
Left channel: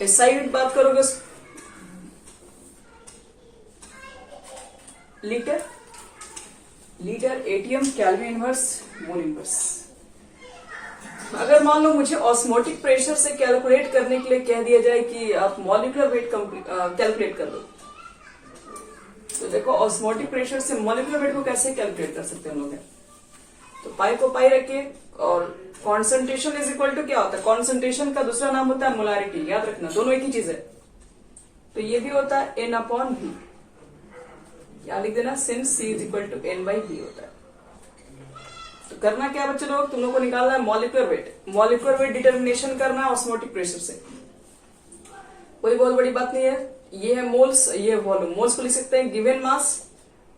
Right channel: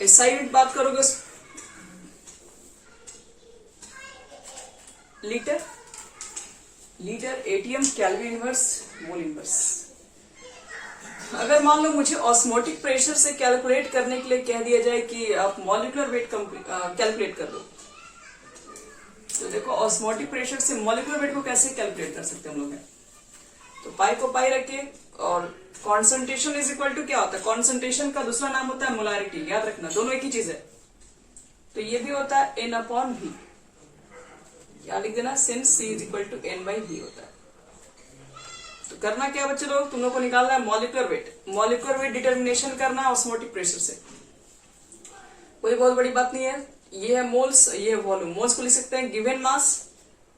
इस साइड बात करोगे litre ATM calorie inverse mole inverse. अगर मान लो मुझे ऑस्मोटिक प्रेशर से कैलकुलेट करने के लिए कह दिया जाए कि आप मॉलिक्यूलर वेट कैलकुलेट कर लो, तो देखो ऑस्मोटिक प्रेशर से मॉलिक्यूलर वेट को कैसे कैलकुलेट कर सकते हैं हम लोग। तो पाई को पाई रखिए, और कॉन्सेंट्रेशन इज इक्वल टू क्या होता है, कॉन्सेंट्रेशन का दूसरा नाम होता है मोलारिटी, याद रखना दोनों एक ही चीज है। तो ये भी होता है एन अपॉन वी, या लिख देना since C is equal to n by V होता है। तो करना क्या बच्चे लोग, तुम लोग को निकालना है molecular weight. Molecular weight determination करना है ऑस्मोटिक प्रेशर से, कोई बहुत बड़ी बात नहीं है। ये है मोल्स, ये है वॉल्यूम। मोल्स को लिख सकते हैं given mass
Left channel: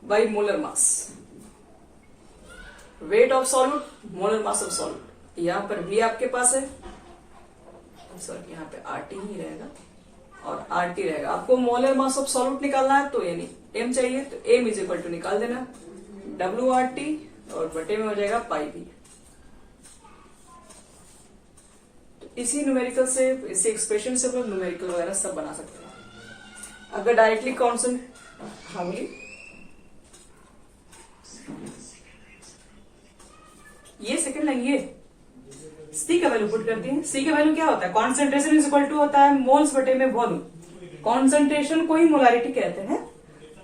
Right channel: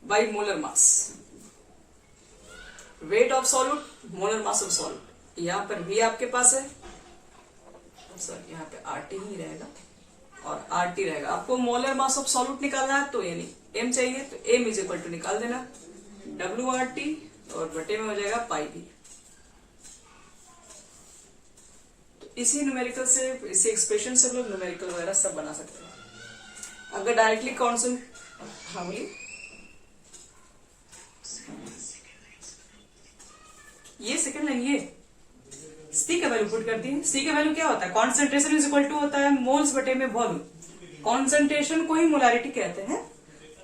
by molar mass, weight of solute molar mass of solute. यहां पर वी आपके पास है, सॉरी यहाँ पे आरटी ही रहेगा और आरटी रहेगा। आपको मोलर मास ऑफ सॉल्यूट निकालना है, तो यानी एम चाहिए, तो एम इज इक्वल टू निकाल देना डब्ल्यू आर टी, और बटे में हो जाएगा पाई भी। तो इसी न्यूमेरिकल से, इसी एक्सप्रेशन से लोग न्यूमेरिकल वगैरह सब बना सकते हैं। अगर डायरेक्टली कॉन्सेंट, हाँ बोलिए, ये सेकंड लेंगे। सी का वैल्यू पुट करती है। सी का वैल्यू क्या होता है, कॉन्सेंट्रेशन इज इक्वल टू होता है मोल्स बटे में वॉल्यूम। कॉन्सेंट्रेशन को ही मोलारिटी कहते हैं,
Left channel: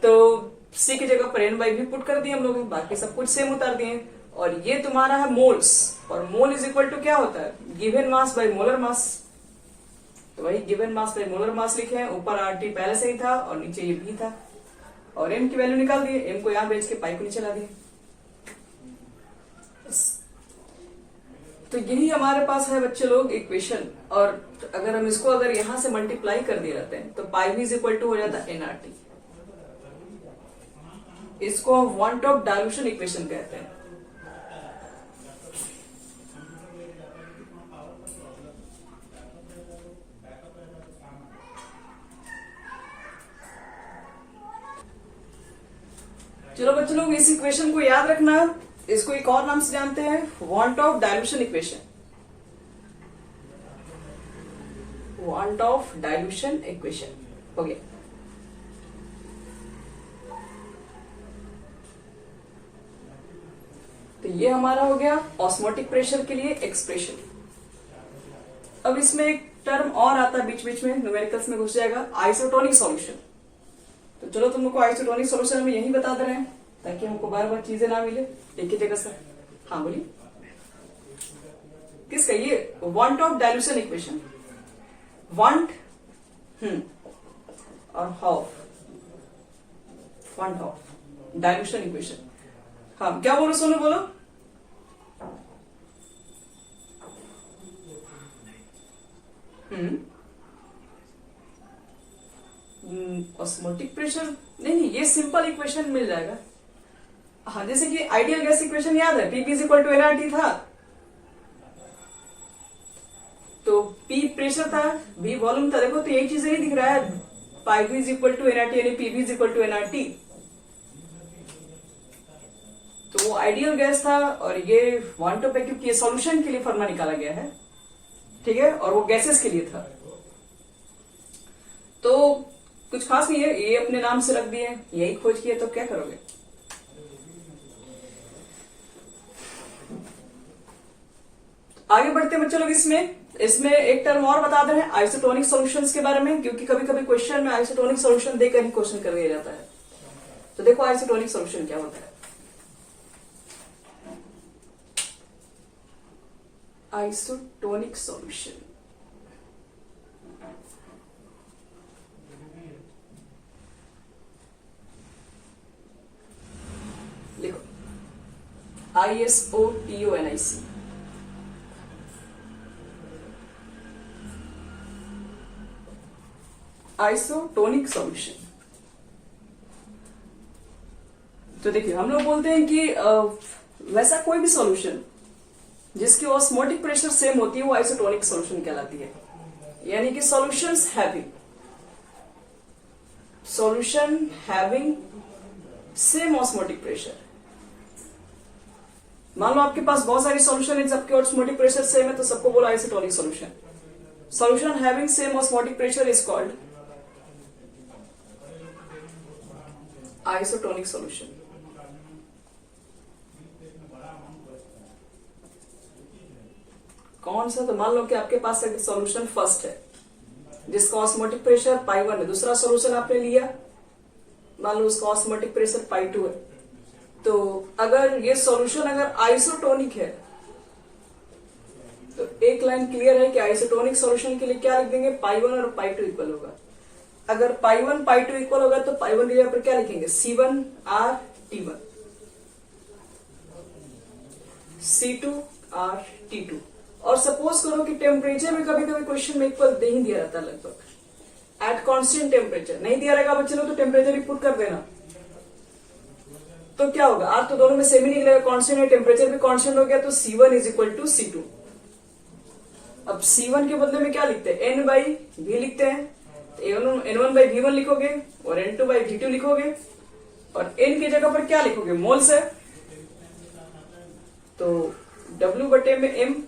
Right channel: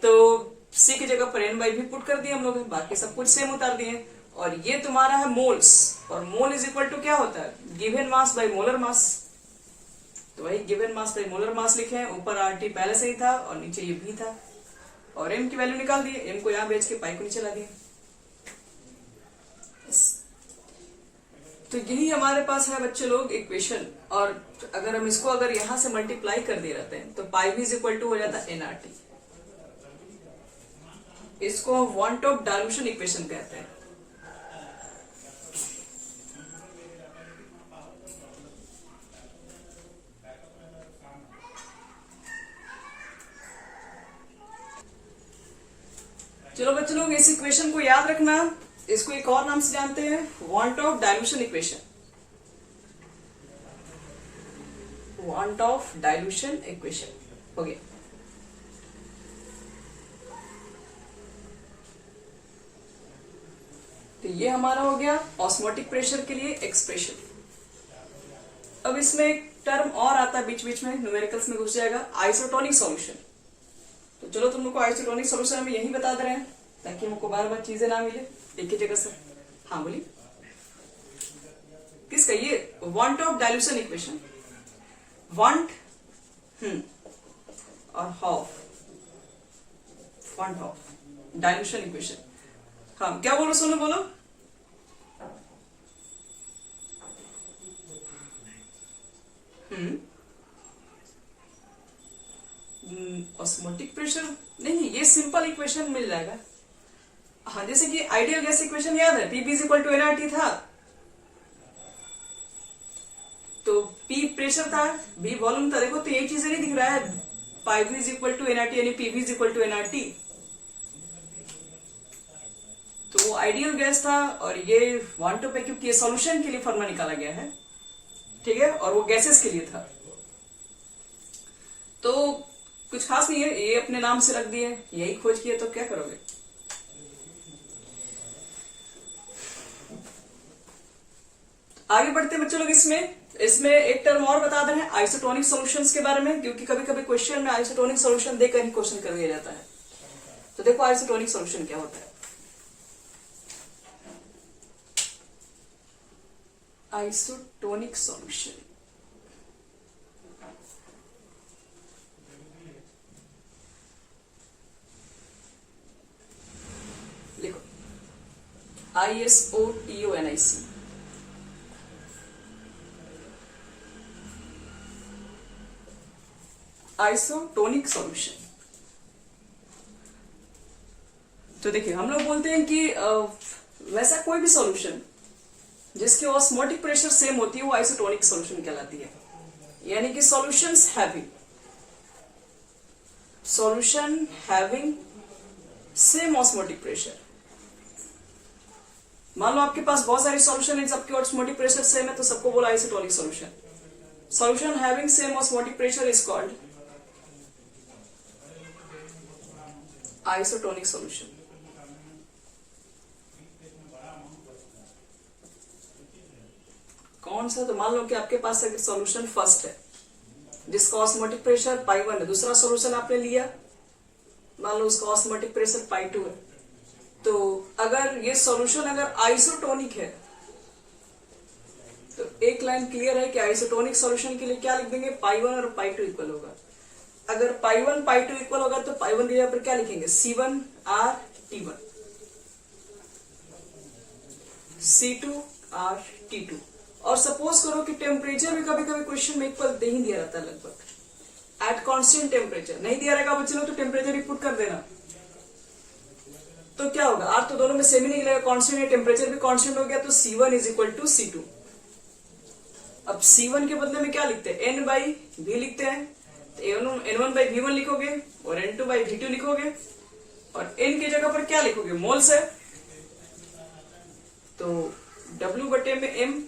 तो सी की जगह पर एन बाई भी पुट कर दिए हम लोग, बाकी सब कुछ सेम उतार दिए। और ये तुम्हारा है मोल्स, और मोल इज इक्वल टू क्या होता है, given mass by molar mass. तो वही given mass by molar mass लिखे हैं, ऊपर आरटी पहले से ही था और नीचे ये भी था, और एम की वैल्यू निकाल दिए, एम को यहां भेज के पाई को नीचे ला दिए। तो यही हमारे पास है बच्चे लोग इक्वेशन। और अगर हम इसको अगर यहां से मल्टीप्लाई कर दिए रहते हैं तो पाई भी इज इक्वल टू हो जाता है एनआरटी। इसको वांट ऑफ डायल्यूशन इक्वेशन कहते हैं। चलो बच्चों लोग इस इक्वेशन को याद रखना, इसको एक और नाम से जानते हैं want of dilution equation. Want of dilution equation हो गया। तो ये हमारा हो गया ऑस्मोटिक प्रेशर के लिए एक्सप्रेशन। अब इसमें एक टर्म और आता है बीच बीच में, न्यूमेरिकल्स में घुस जाएगा, आइसोटोनिक सॉल्यूशन। तो चलो तुम लोग को आइसोटोनिक सॉल्यूशन हम यही बता दे रहे हैं ताकि हमको बार बार चीजें ना मिले एक ही जगह से। हाँ बोलिए। किसका, ये van't Hoff dilution equation, van't और हाउ, वांट ऑफ डाइल्यूशन इक्वेशन। हाँ क्या बोलो सोनू, बोलो। ऑस्मोटिक प्रेशर, नहीं ये सिंपल इक्वेशन मिल जाएगा। हाँ जैसे कि आइडियल गैस इक्वेशन याद है, P is equal to nRT था, तो P प्रेशर था, V वॉल्यूम था। देखो तो एक चीज नहीं दिख रहा है, V is equal to nRT यानी P is equal to nRT, तो वो आइडियल गैस था। और ये वांट ऑफ क्योंकि ये सॉल्यूशन के लिए फॉर्मूला निकाला गया है, ठीक है, और वो गैसेस के लिए था, तो कुछ खास नहीं है, ये अपने नाम से रख दिए, यही खोज किए, तो क्या करोगे। आगे बढ़ते हैं बच्चों लोग, इसमें एक टर्म और बता दे रहे हैं आइसोटोनिक सॉल्यूशंस के बारे में, क्योंकि कभी कभी क्वेश्चन में आइसोटोनिक सॉल्यूशन देकर ही क्वेश्चन कर दिया जाता है। तो देखो आइसोटोनिक सॉल्यूशन क्या होता है। आइसोटोनिक सॉल्यूशन, देखो ISOTONIC, आइसोटोनिक सॉल्यूशन। तो देखिए हम लोग बोलते हैं कि वैसा कोई भी सॉल्यूशन जिसकी ऑस्मोटिक प्रेशर सेम होती है वो आइसोटोनिक सॉल्यूशन कहलाती है। यानी कि solutions having same osmotic pressure. मान लो आपके पास बहुत सारी सॉल्यूशन है, सबके ऑस्मोटिक प्रेशर सेम है, तो सबको बोला isotonic solution. Solution having same osmotic pressure is called isotonic solution. कौन सा, तो मान लो कि आपके पास एक सॉल्यूशन फर्स्ट है जिसका ऑस्मोटिक प्रेशर π1 है, दूसरा सॉल्यूशन आपने लिया, मान लो उसका ऑस्मोटिक प्रेशर π2 है, तो अगर ये सॉल्यूशन अगर आइसोटोनिक है तो एक लाइन क्लियर है कि आइसोटोनिक सॉल्यूशन के लिए क्या लिख देंगे, π1 और π2 इक्वल होगा। अगर π1 पy2 इक्वल होगा तो π1 की जगह पर क्या लिखेंगे, C1R T1 C2R T2। और सपोज करो कि टेम्परेचर में कभी कभी क्वेश्चन में इक्वल नहीं दिया रहता, लगभग एट कांस्टेंट टेम्परेचर नहीं दिया रहेगा बच्चे लोग, तो टेम्परेचर ही पुट कर देना। तो क्या होगा, आर तो दोनों में सेम ही निकलेगा, कांस्टेंट है, टेम्परेचर भी कांस्टेंट हो गया, तो C1 is equal to C2। अब C1 के बदले में क्या लिखते हैं, N बाई V लिखते हैं, N1 बाई V1 लिखोगे और N2 बाई V2 लिखोगे, और N की जगह पर क्या लिखोगे, मोल्स है, तो W बटे में M,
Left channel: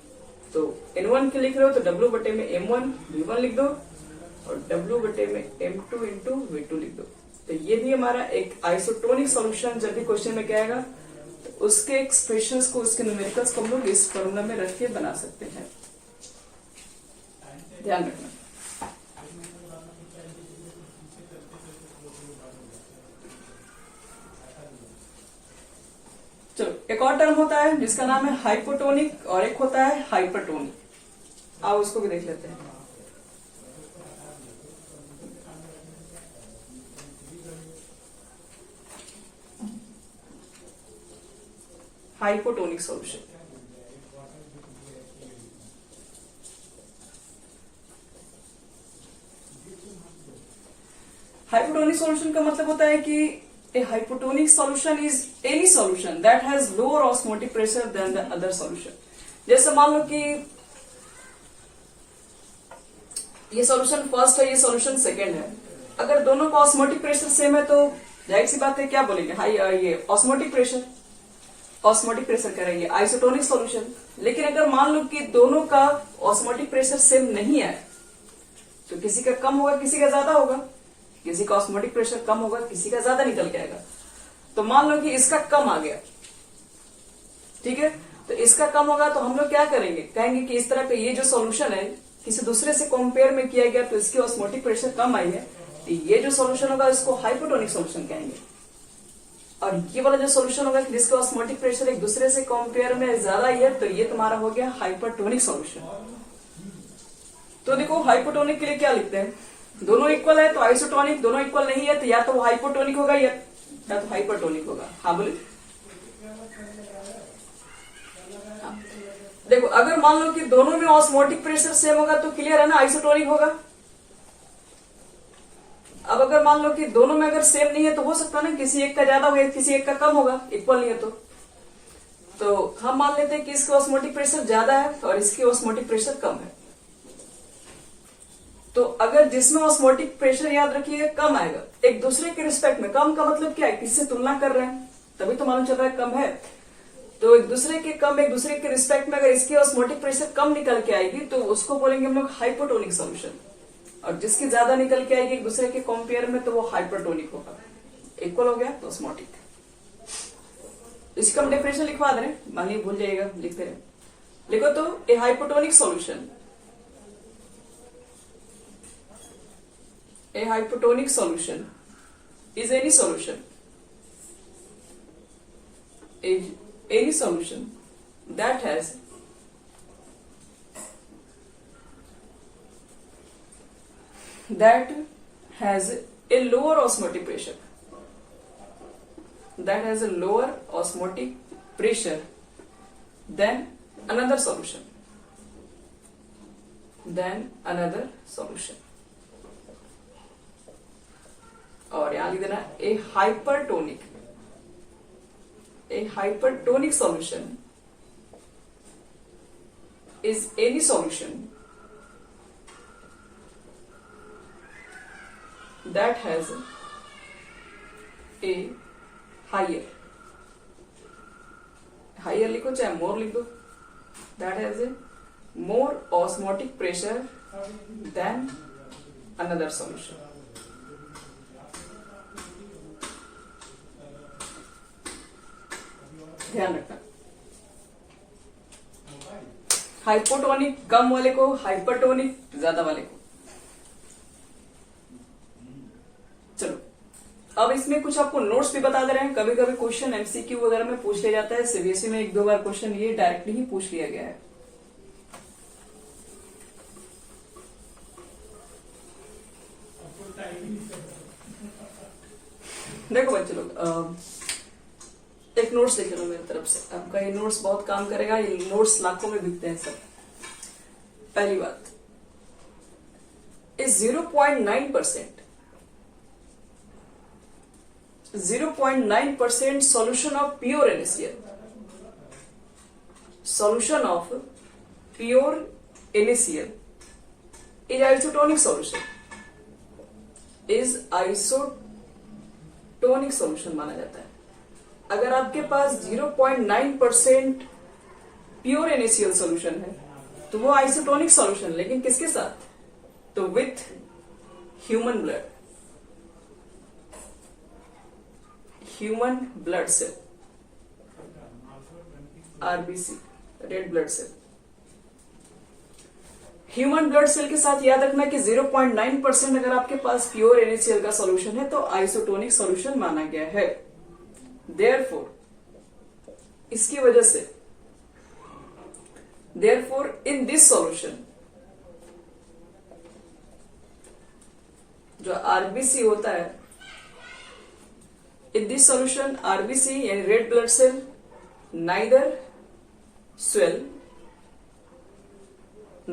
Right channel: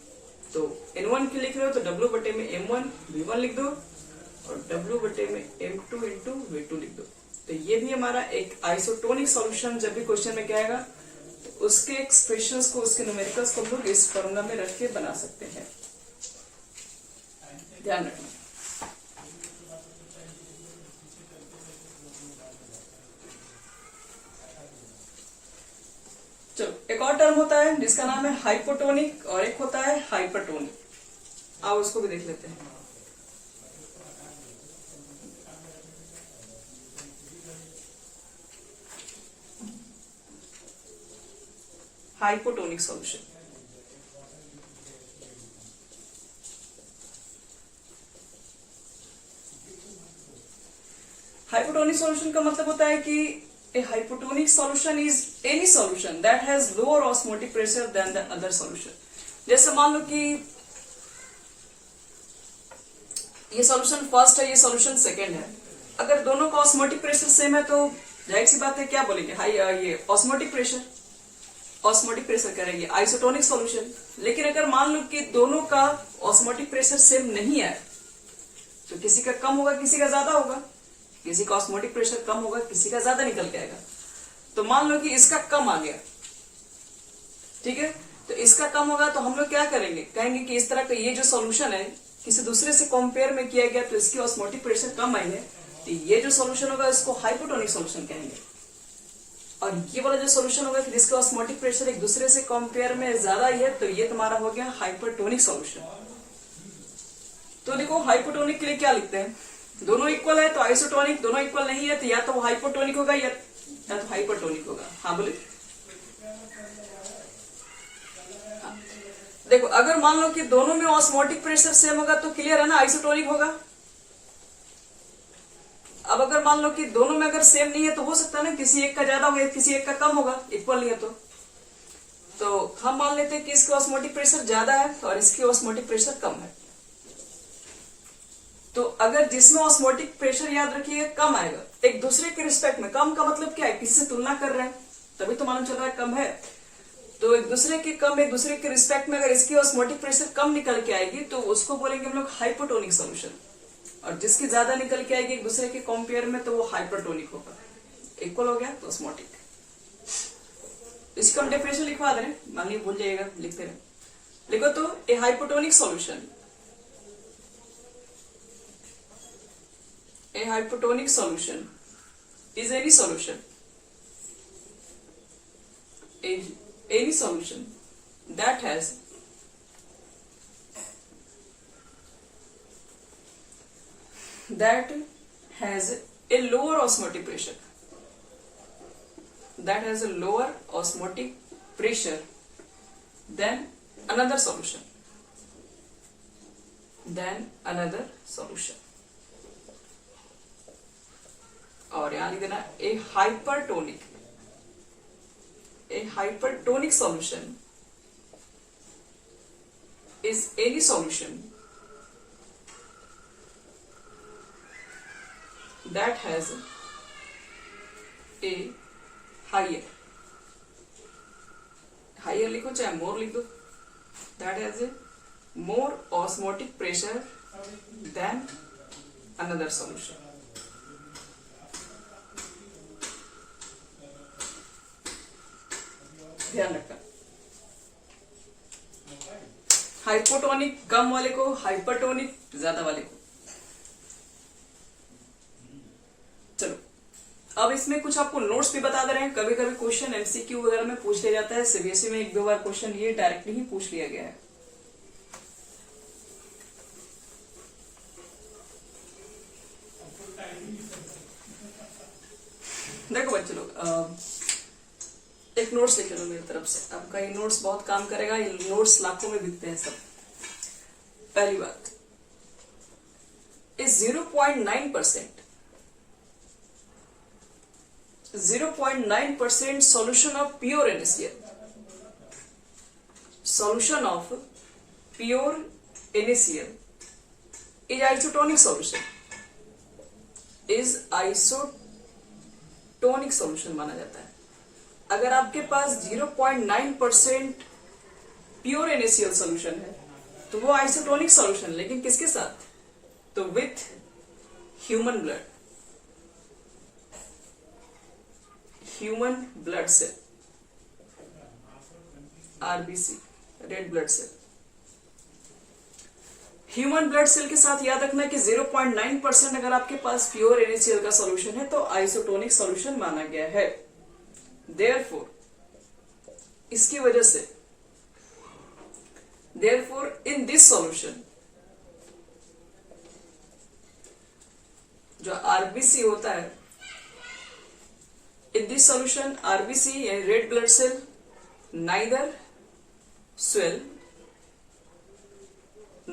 तो N1 के लिख रहे हो तो W बटे में M1 V1 लिख दो, और W बटे में M2 इंटू V2 लिख दो। तो ये भी हमारा एक आइसोटोनिक सॉल्यूशन जब भी क्वेश्चन में कहेगा तो उसके एक्सप्रेशंस को, उसके न्यूमेरिकल्स को हम लोग इस फॉर्मूला में रख के बना सकते हैं, ध्यान रखना। चलो एक और टर्म होता है जिसका नाम है हाइपोटोनिक और एक होता है हाइपरटोनिक। आओ इसको भी देख लेते हैं। हाइपोटोनिक सॉल्यूशन, हाइपोटोनिक सॉल्यूशन का मतलब होता है कि a hypotonic solution is any solution that has lower osmotic pressure than the other solution। जैसे मान लो कि ये सॉल्यूशन फर्स्ट है, ये सॉल्यूशन सेकंड है, अगर दोनों का ऑस्मोटिक प्रेशर सेम है तो जाहिर सी बात है क्या बोलेंगे, हाई ये ऑस्मोटिक प्रेशर करेंगे आइसोटोनिक सॉल्यूशन। लेकिन अगर मान लो कि दोनों का ऑस्मोटिक प्रेशर सेम नहीं है तो किसी का कम होगा, किसी का ज्यादा होगा, किसी का ऑस्मोटिक प्रेशर कम होगा, किसी का ज्यादा निकल के आएगा। तो मान लो कि इसका कम आ गया, ठीक है, तो इसका कम होगा तो हम लोग क्या करेंगे, कहेंगे कि इस तरह का ये जो सॉल्यूशन है किसी दूसरे से कंपेयर में किया गया तो इसकी ऑस्मोटिक प्रेशर कम आई है, तो ये जो सॉल्यूशन होगा इसको हाइपोटोनिक सॉल्यूशन कहेंगे। और ये वाला जो सोल्यूशन होगा कि जिसका ऑस्मोटिक प्रेशर एक दूसरे से कंपेयर में ज्यादा ही है, तो ये तुम्हारा हो गया हाइपरटोनिक सॉल्यूशन। तो देखो हाइपोटोनिक के लिए क्या लिखते हैं, दोनों इक्वल है तो आइसोटोनिक, दोनों इक्वल नहीं है तो या तो हाइपोटोनिक होगा या तो हाइपरटोनिक होगा। हाँ बोले। देखो अगर मान लो कि दोनों में ऑस्मोटिक प्रेशर सेम होगा तो क्लियर है ना, आइसोटोनिक होगा। अब अगर मान लो कि दोनों में अगर सेम नहीं है तो हो सकता है ना किसी एक का ज्यादा होगा किसी एक का कम होगा, इक्वल नहीं है तो हम मान लेते हैं कि इसका ऑस्मोटिक प्रेशर ज्यादा है और इसकी ऑस्मोटिक प्रेशर कम है। तो अगर जिसमें ऑस्मोटिक प्रेशर याद रखिए कम आएगा एक दूसरे के रिस्पेक्ट में, कम का मतलब क्या है, किससे तुलना कर रहे हैं तभी तो मालूम चल रहा है कम है, तो एक दूसरे के कम एक दूसरे के रिस्पेक्ट में अगर इसकी ऑस्मोटिक प्रेशर कम निकल के आएगी तो उसको बोलेंगे हम लोग हाइपोटोनिक सॉल्यूशन, और जिसकी ज्यादा निकल के आएगी एक दूसरे के कंपेयर में तो वो हाइपरटोनिक होगा। इक्वल हो गया तो ऑस्मोटिक। इसका हम डेफिनेशन लिखवा दे रहे, मान ली भूल जाइएगा, लिखते रहे। लिखो तो a hypotonic solution, a hypotonic solution is any solution that has a lower osmotic pressure, than another solution, और यहां लिख देना a hypertonic solution is any solution that has a higher लिखो चाहे मोर लिख दो, that has a more osmotic pressure than another solution. ध्यान रखना, हाइपोटोनिक कम वाले को, हाइपरटोनिक ज्यादा वाले को। चलो अब इसमें कुछ आपको नोट्स भी बता दे रहे हैं। कभी कभी क्वेश्चन एमसीक्यू वगैरह में पूछ लिया जाता है, सीबीएसई में एक दो बार क्वेश्चन ये डायरेक्टली ही पूछ लिया गया है। देखो बच्चे लोग एक नोट्स देख लो मेरी तरफ से, आपका ये नोट्स बहुत काम करेगा, ये नोट्स लाखों में बिकते हैं सर। पहली बात इस 0.9% solution of pure NaCl, is isotonic solution माना जाता है। अगर आपके पास 0.9% प्योर NaCl सॉल्यूशन है तो वो आइसोटोनिक सॉल्यूशन, लेकिन किसके साथ, तो with human blood cell, RBC, red blood cell. Human blood cell के साथ याद रखना कि 0.9% अगर आपके पास प्योर NaCl का सॉल्यूशन है तो आइसोटोनिक सॉल्यूशन माना गया है। Therefore, इसकी वजह से in this solution जो आरबीसी होता है, in this solution आरबीसी यानी red blood cell neither swell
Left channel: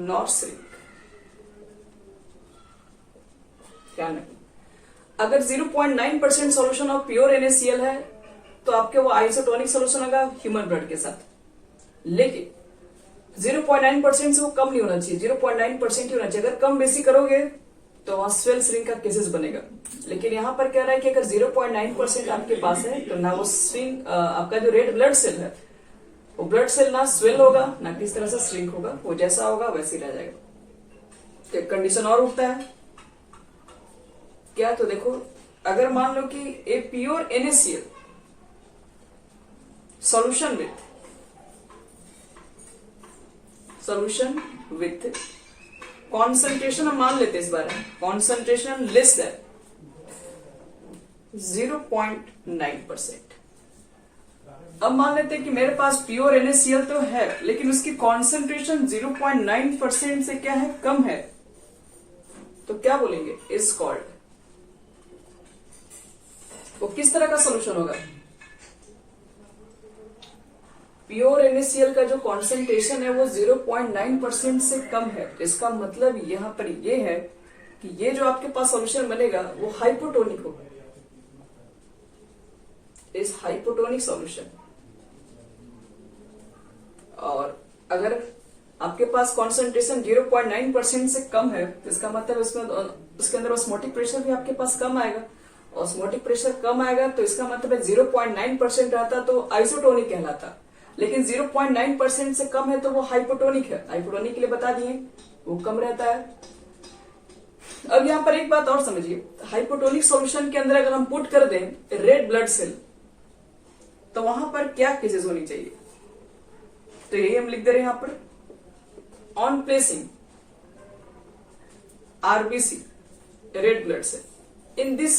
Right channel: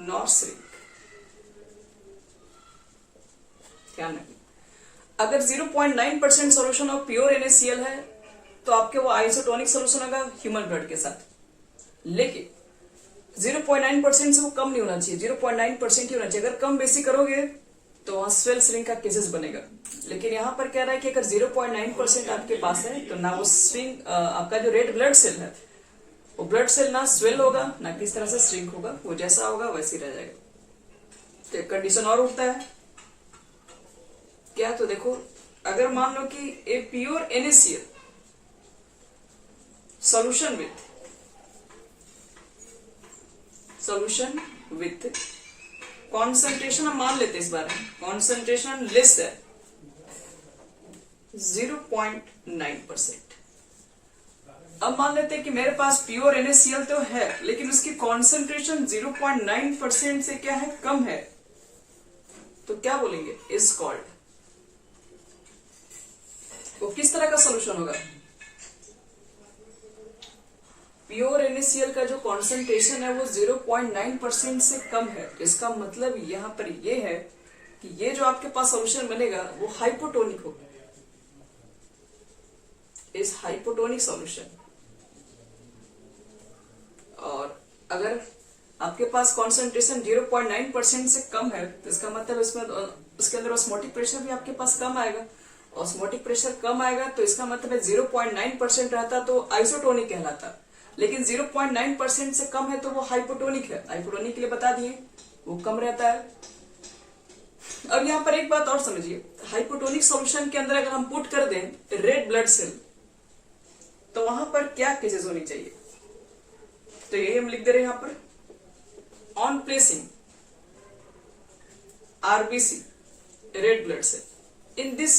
nor shrink। ध्यान रखिए, अगर 0.9% सॉल्यूशन ऑफ प्योर NaCl है तो आपके वो आइसोटोनिक सॉल्यूशन होगा ह्यूमन ब्लड के साथ, लेकिन 0.9% से वो कम नहीं होना चाहिए, 0.9% ही होना चाहिए। अगर कम बेसी करोगे तो वहां स्वेल श्रिंक का केसेस बनेगा। लेकिन यहां पर कह रहा है कि अगर 0.9% आपके पास है तो ना वो श्रिंक, आपका जो रेड ब्लड सेल है वो ब्लड सेल ना स्वेल होगा ना किस तरह से श्रिंक होगा, वो जैसा होगा वैसे ही रह जाएगा। तो एक कंडीशन और उठता है क्या, तो देखो अगर मान लो कि a pure NaCl solution with concentration हम मान लेते हैं इस बार, concentration less than 0.9%, अब मान लेते हैं कि मेरे पास प्योर NaCl तो है, लेकिन उसकी कॉन्सेंट्रेशन 0.9% से क्या है, कम है, तो क्या बोलेंगे, इज कॉल्ड। वो किस तरह का सोल्यूशन होगा, प्योर NaCl का जो कॉन्सेंट्रेशन है वो 0.9% से कम है। तो इसका मतलब यहां पर ये है कि ये जो आपके पास सोल्यूशन बनेगा वो हाइपोटोनिक होगा, इज हाइपोटोनिक सोल्यूशन। और अगर आपके पास कॉन्सेंट्रेशन 0.9% से कम है तो इसका मतलब इसमें उसके अंदर ऑस्मोटिक प्रेशर भी आपके पास कम आएगा। ऑस्मोटिक प्रेशर कम आएगा तो इसका मतलब है 0.9% रहता तो आइसोटोनिक कहलाता, लेकिन 0.9% से कम है तो वो हाइपोटोनिक है। हाइपोटोनिक के लिए बता दिए वो कम रहता है। अब यहाँ पर एक बात और समझिए, हाइपोटोनिक सॉल्यूशन के अंदर अगर हम पुट कर दें रेड ब्लड सेल तो वहां पर क्या केसेस होनी चाहिए, तो यही हम लिख दे रहे हैं यहां पर, on placing RBC red blood cell in this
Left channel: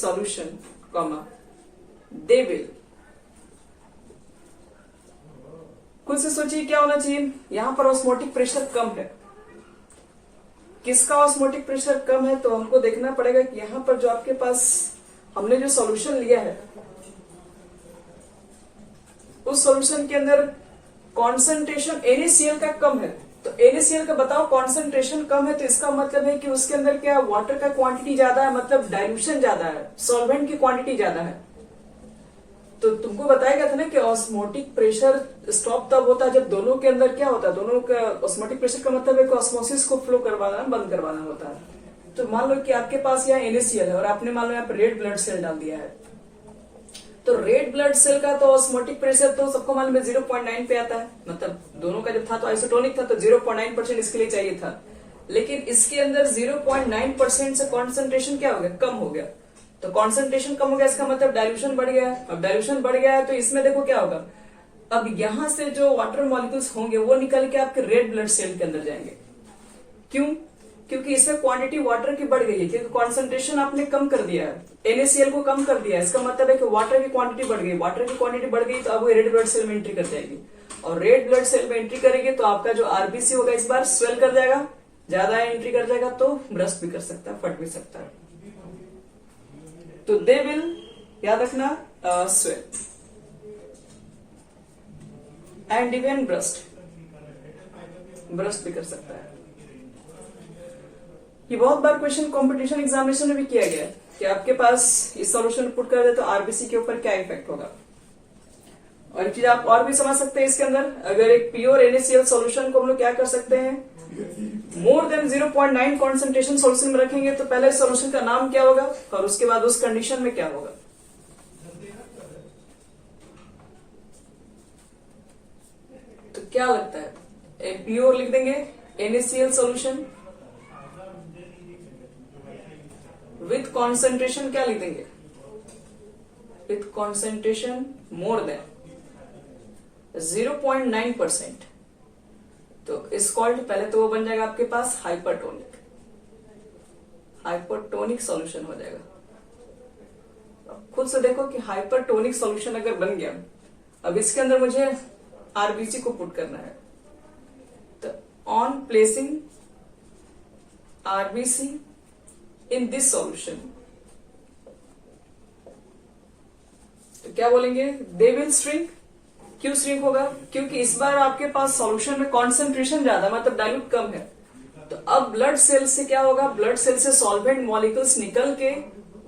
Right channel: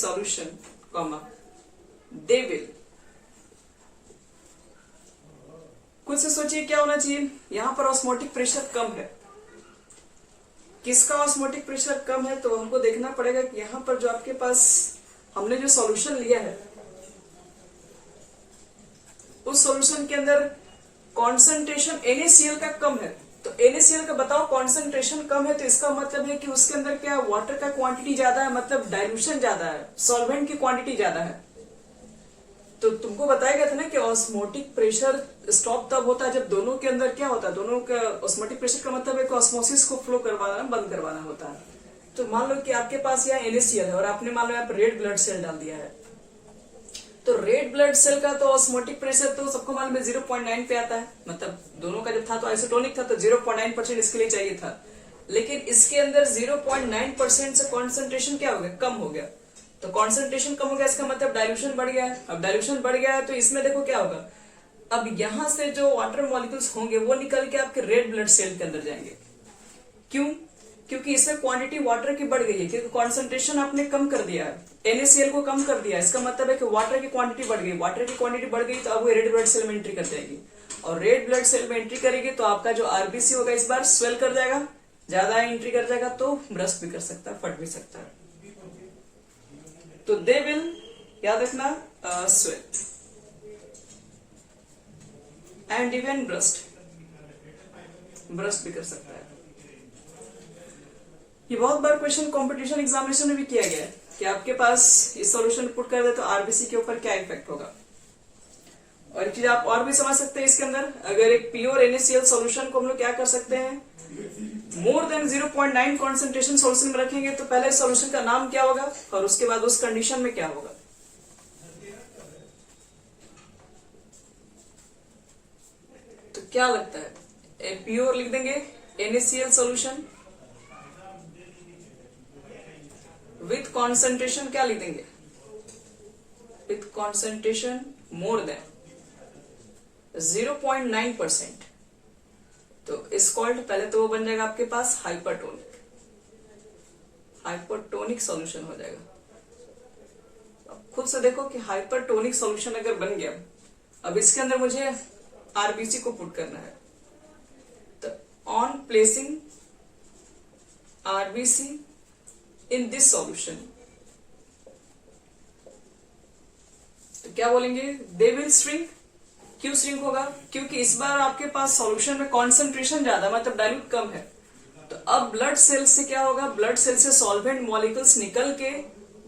solution comma they will, खुद से सोचिए क्या होना चाहिए, यहां पर ऑस्मोटिक प्रेशर कम है। किसका ऑस्मोटिक प्रेशर कम है, तो हमको देखना पड़ेगा कि यहां पर जो आपके पास हमने जो सॉल्यूशन लिया है उस सॉल्यूशन के अंदर कॉन्सेंट्रेशन NaCl का कम है। तो NaCl का बताओ कॉन्सेंट्रेशन कम है तो इसका मतलब है कि उसके अंदर क्या वाटर का क्वांटिटी ज्यादा है, मतलब डाइल्यूशन ज्यादा है, सॉल्वेंट की क्वांटिटी ज्यादा है। तो तुमको बताया गया था ना कि ऑस्मोटिक प्रेशर स्टॉप तब होता है जब दोनों के अंदर क्या होता है, दोनों का ऑस्मोटिक प्रेशर का मतलब है कि ऑस्मोसिस को फ्लो करवाना बंद करवाना होता है। तो मान लो कि आपके पास यहाँ NaCl है और आपने मान लो यहाँ पर रेड ब्लड सेल डाल दिया है, तो रेड ब्लड सेल का तो ऑस्मोटिक प्रेशर तो सबको मालूम है 0.9 पे आता है, मतलब दोनों का जब था तो आइसोटोनिक था तो 0.9% इसके लिए चाहिए था, लेकिन इसके अंदर 0.9% से कॉन्सेंट्रेशन क्या हो गया, कम हो गया। तो कॉन्सेंट्रेशन कम हो गया इसका मतलब डाइल्यूशन बढ़ गया है। अब डाइल्यूशन बढ़ गया है तो इसमें देखो क्या होगा, अब यहां से जो वाटर मॉलिक्यूल्स होंगे वो निकल के आपके रेड ब्लड सेल के अंदर जाएंगे। क्यों, क्योंकि इसमें क्वांटिटी वाटर की बढ़ गई है, क्योंकि कॉन्सेंट्रेशन आपने कम कर दिया है, NaCl को कम कर दिया है। इसका मतलब है कि वाटर की क्वांटिटी बढ़ गई, वाटर की क्वांटिटी बढ़ गई तो अब वो रेड ब्लड सेल में एंट्री कर जाएगी, और रेड ब्लड सेल में एंट्री करेगी तो आपका जो RBC होगा इस बार स्वेल कर जाएगा, ज्यादा एंट्री कर जाएगा तो ब्रस्ट भी कर सकता है, फट भी सकता है। तो दे विल, याद रखना, स्वेल एंड इवन ब्रस्ट भी कर सकता है। ये बहुत बार क्वेश्चन कंपटीशन एग्जामिनेशन में भी किया गया है कि आपके पास इस सॉल्यूशन पुट कर दे तो RBC के ऊपर क्या इफेक्ट होगा। और एक चीज आप और भी समझ सकते हैं इसके अंदर, अगर एक प्योर NaCl सॉल्यूशन को हम लोग क्या कर सकते हैं, मोर देन 0.9 कॉन्सेंट्रेशन सॉल्यूशन में रखेंगे तो पहले सॉल्यूशन का नाम क्या होगा और उसके बाद उस कंडीशन में क्या होगा। तो क्या लगता है, प्योर लिख देंगे NaCl सॉल्यूशन विथ कॉन्सेंट्रेशन क्या लिख देंगे, विथ कॉन्सेंट्रेशन मोर देन 0.9%, तो इस कॉल्ड, पहले तो वो बन जाएगा आपके पास हाइपरटोनिक सॉल्यूशन हो जाएगा। अब खुद से देखो कि हाइपरटोनिक सॉल्यूशन अगर बन गया, अब इसके अंदर मुझे RBC को पुट करना है, तो on placing RBC in this solution, तो क्या बोलेंगे, दे विल श्रिंक। क्यों श्रिंक होगा, क्योंकि इस बार आपके पास सॉल्यूशन में कॉन्सेंट्रेशन ज्यादा, मतलब डाइल्यूट कम है। तो अब ब्लड सेल से क्या होगा, ब्लड सेल से सॉल्वेंट मॉलिक्यूल्स निकल के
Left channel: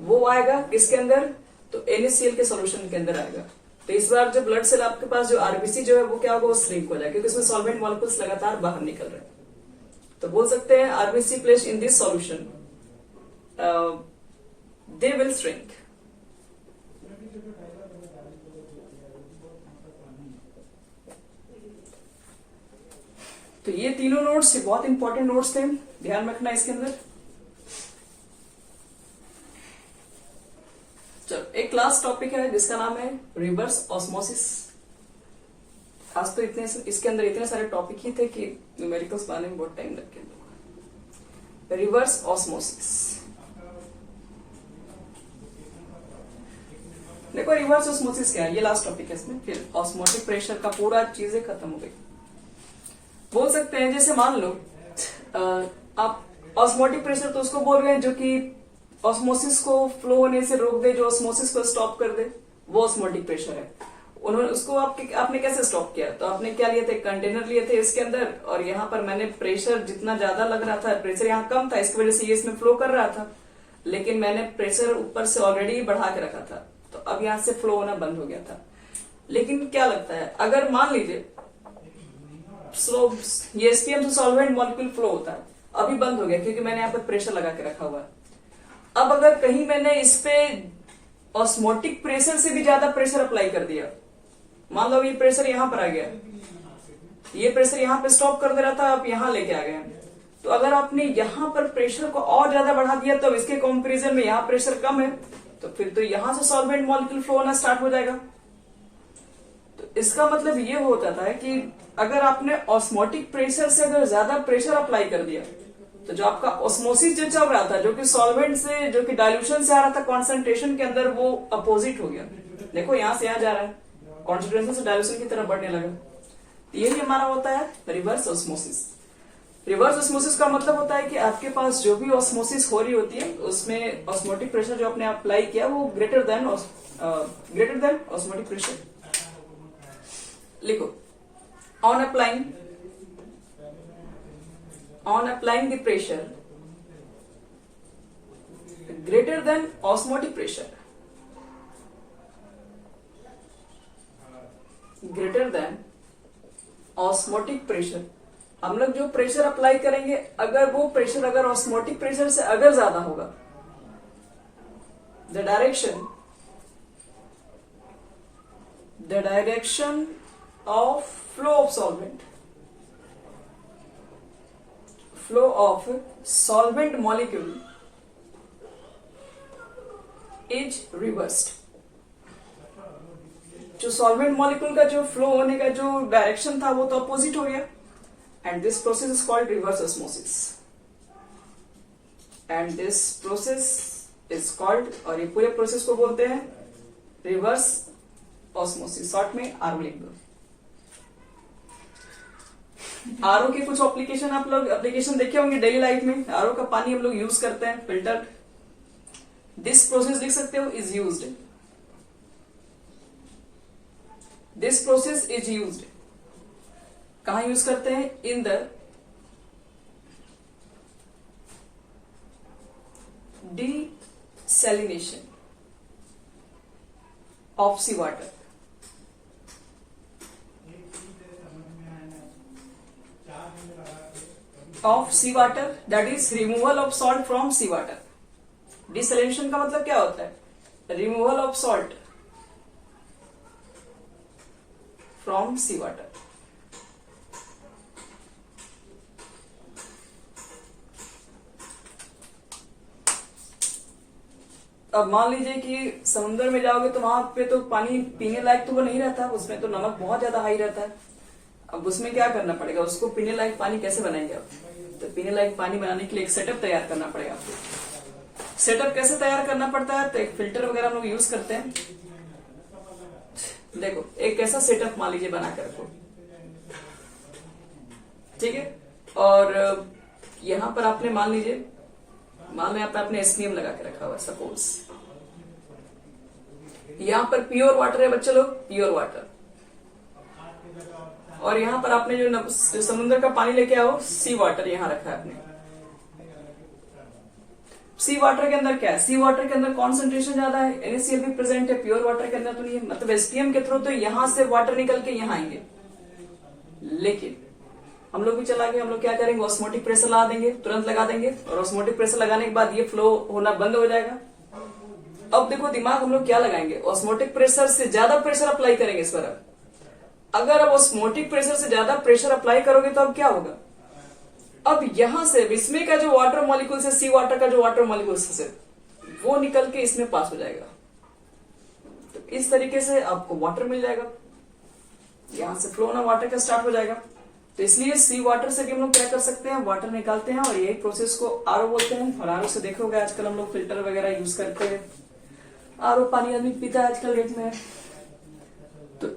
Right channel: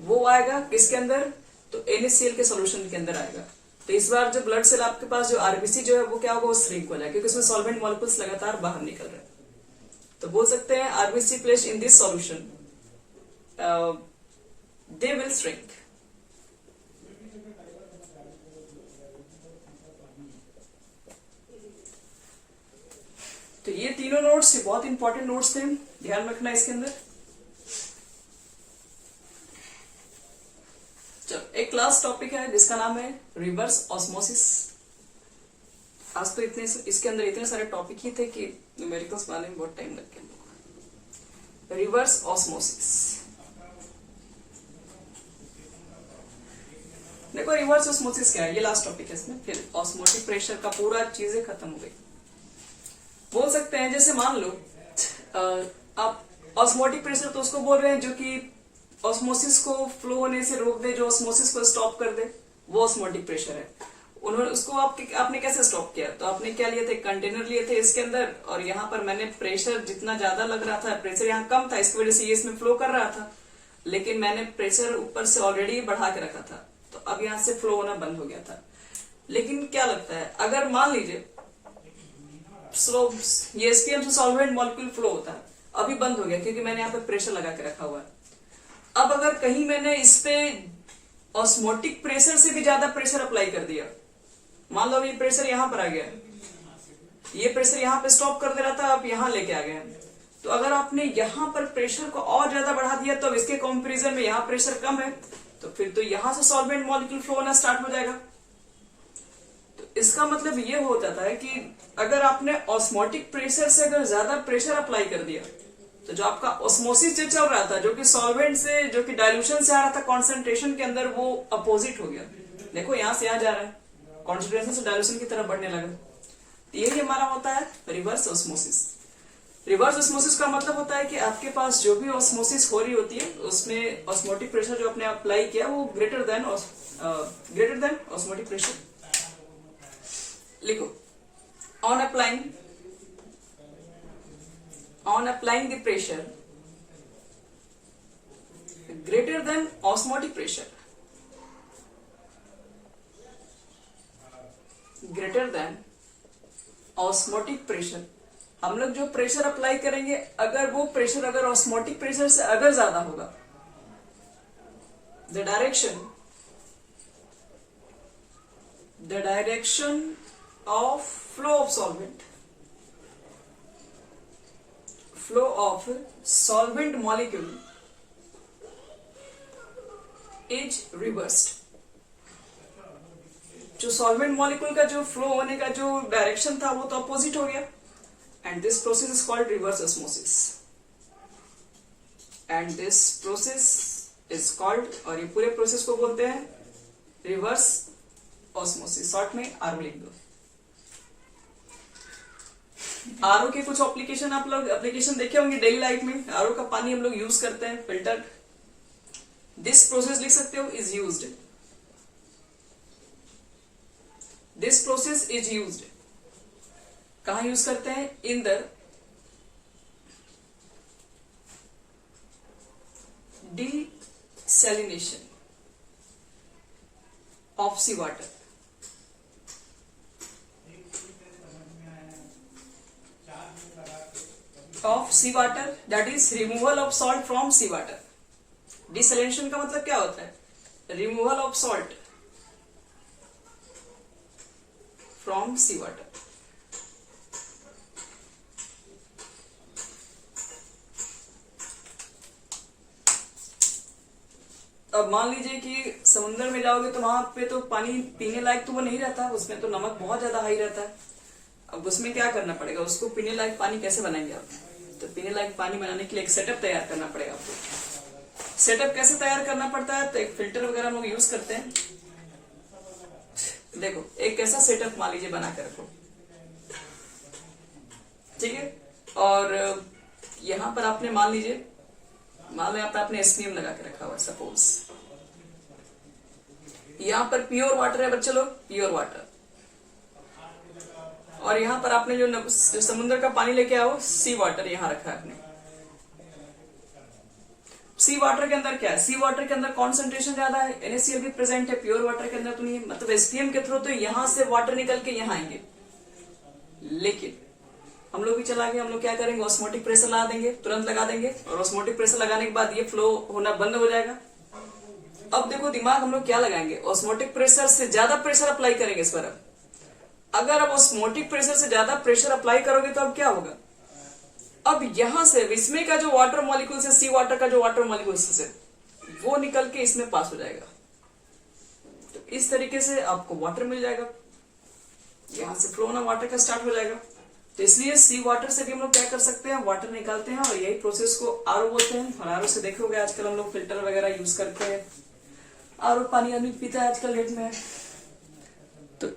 वो आएगा किसके अंदर, तो NaCl के सॉल्यूशन के अंदर आएगा। तो इस बार जो ब्लड सेल आपके पास जो RBC जो है वो क्या होगा, वो श्रिंक हो जाएगा, क्योंकि उसमें सॉल्वेंट मॉलिक्यूल्स लगातार बाहर निकल रहे हैं। तो बोल सकते हैं RBC placed in this solution they will shrink। तो ये तीनों नोट्स बहुत इंपॉर्टेंट नोट्स थे, ध्यान रखना इसके अंदर। चलो एक लास्ट टॉपिक है जिसका नाम है रिवर्स ऑस्मोसिस। आज तो इसके अंदर इतने सारे टॉपिक ही थे कि न्यूमेरिकल्स बनाने में बहुत टाइम लग गया। रिवर्स ऑस्मोसिस, देखो रिवर्स ऑस्मोसिस क्या है, ये लास्ट टॉपिक है इसमें, फिर ऑस्मोटिक प्रेशर का पूरा चीजें खत्म हो गई। बोल सकते हैं जैसे मान लो आप ऑस्मोटिक प्रेशर तो उसको बोल रहे हैं जो कि ऑस्मोसिस को फ्लो होने से रोक दे, जो ऑस्मोसिस को स्टॉप कर दे, वो ऑस्मोटिक प्रेशर है। उन्होंने उसको आपने कैसे स्टॉप किया, तो आपने क्या लिए थे, कंटेनर लिए थे इसके अंदर, और यहाँ पर मैंने प्रेशर जितना ज्यादा लग रहा था, प्रेशर यहाँ कम था, इसकी वजह से ये इसमें फ्लो कर रहा था, लेकिन मैंने प्रेशर ऊपर से ऑलरेडी बढ़ा के रखा था, तो अब यहाँ से फ्लो होना बंद हो गया था। लेकिन क्या लगता है, अगर मान लीजिए ये एसपीएम से सॉल्वेंट मॉलिक्यूल फ्लो होता है, अभी बंद हो गया क्योंकि मैंने यहाँ पे प्रेशर लगा के रखा हुआ है। अब अगर कहीं मैंने इस पे ऑस्मोटिक प्रेशर से भी ज्यादा प्रेशर अप्लाई कर दिया, मान लो ये प्रेशर यहां पर आ गया, ये प्रेशर यहां पे स्टॉप कर दे रहा था, अब यहां लेके आ गए, तो अगर आपने यहां पर प्रेशर को और ज्यादा बढ़ा दिया तो इसके कंपैरिजन में यहाँ प्रेशर कम है, तो फिर तो यहां से सॉल्वेंट मॉलिक्यूल फ्लो होना स्टार्ट हो जाएगा। तो इसका मतलब ये होता था कि अगर आपने ऑस्मोटिक प्रेशर से अगर ज्यादा प्रेशर अप्लाई कर दिया, तो जो आपका ऑस्मोसिस जो चल रहा था, जो कि सॉल्वेंट से, जो कि डाइल्यूशन से आ रहा था कॉन्सेंट्रेशन के अंदर, वो अपोजिट हो गया। देखो यहां से आ जा रहा है, कॉन्सेंट्रेशन से डाइल्यूशन की तरफ बढ़ने लगा। यही हमारा होता है रिवर्स ऑस्मोसिस। रिवर्स ऑस्मोसिस का मतलब होता है कि आपके पास जो भी ऑस्मोसिस हो रही होती है, उसमें ऑस्मोटिक प्रेशर जो आपने अप्लाई किया वो ग्रेटर देन ऑस्मोटिक प्रेशर। लिखो, on applying the pressure greater than osmotic pressure, हम लोग जो प्रेशर अप्लाई करेंगे, अगर वो प्रेशर अगर ऑस्मोटिक प्रेशर से अगर ज्यादा होगा, the direction of flow of solvent molecule is reversed. जो सॉल्वेंट मॉलिक्यूल का जो फ्लो होने का जो डायरेक्शन था वो तो अपोजिट हो गया, and this process is called reverse osmosis, और ये पूरे प्रोसेस को बोलते हैं रिवर्स ऑस्मोसिस, शॉर्ट में आरओ लिख दो। आरओ के कुछ एप्लीकेशन देखे होंगे डेली लाइफ में। आरओ का पानी हम लोग यूज करते हैं फिल्टर। दिस प्रोसेस लिख सकते हो, is used. This process is used कहां यूज करते हैं, in the desalination of seawater. That is removal of salt from seawater. Desalination का मतलब क्या होता है, removal of salt from seawater. अब मान लीजिए कि समुद्र में जाओगे तो वहां पे तो पानी पीने लायक तो वो नहीं रहता, उसमें तो नमक बहुत ज्यादा हाई रहता है। अब उसमें क्या करना पड़ेगा, उसको पीने लायक पानी कैसे बनाएंगे आप, तो पीने लायक पानी बनाने के लिए एक सेटअप तैयार करना पड़ेगा आपको। सेटअप कैसे तैयार करना पड़ता है, तो एक फिल्टर वगैरह हम लोग यूज करते हैं। देखो एक ऐसा सेटअप मान लीजिए बना कर रखो, ठीक है, और यहां पर आपने मान लीजिए आपने एसपीएम लगा के रखा हुआ है, सपोज यहां पर प्योर वाटर है बच्चे लोग, प्योर वाटर, और यहां पर आपने जो समुद्र का पानी लेके आओ, सी वाटर यहां रखा है आपने। सी वाटर के अंदर क्या है, सी वाटर के अंदर कॉन्सेंट्रेशन ज्यादा है, NaCl भी प्रेजेंट है, प्योर वाटर के अंदर तो नहीं है, मतलब एसपीएम के थ्रू तो यहां से वाटर निकल के यहां आएंगे। लेकिन हम लोग भी चला गए, हम लोग क्या करेंगे, ऑस्मोटिक प्रेशर लगा देंगे, तुरंत लगा देंगे, और ऑस्मोटिक प्रेशर लगाने के बाद ये फ्लो होना बंद हो जाएगा। अब देखो दिमाग हम लोग क्या लगाएंगे, ऑस्मोटिक प्रेशर से ज्यादा प्रेशर अप्लाई करेंगे इस पर। अगर अब ऑस्मोटिक प्रेशर से ज्यादा प्रेशर अप्लाई करोगे तो अब क्या होगा, अब यहां से इसमें का जो वाटर मॉलिक्यूल से, सी वाटर का जो वाटर मॉलिक्यूल से वो निकल के इसमें पास हो जाएगा। तो इस तरीके से आपको वाटर मिल जाएगा, यहां से फ्लो होना वाटर का स्टार्ट हो जाएगा। तो इसलिए सी वाटर से भी हम लोग क्या कर सकते हैं, वाटर निकालते हैं, और यही प्रोसेस को आरओ बोलते हैं। और आरओ से देखोगे आजकल हम लोग फिल्टर वगैरह यूज करते हैं। आरओ पानी आदमी पीता है आजकल डेट में। तो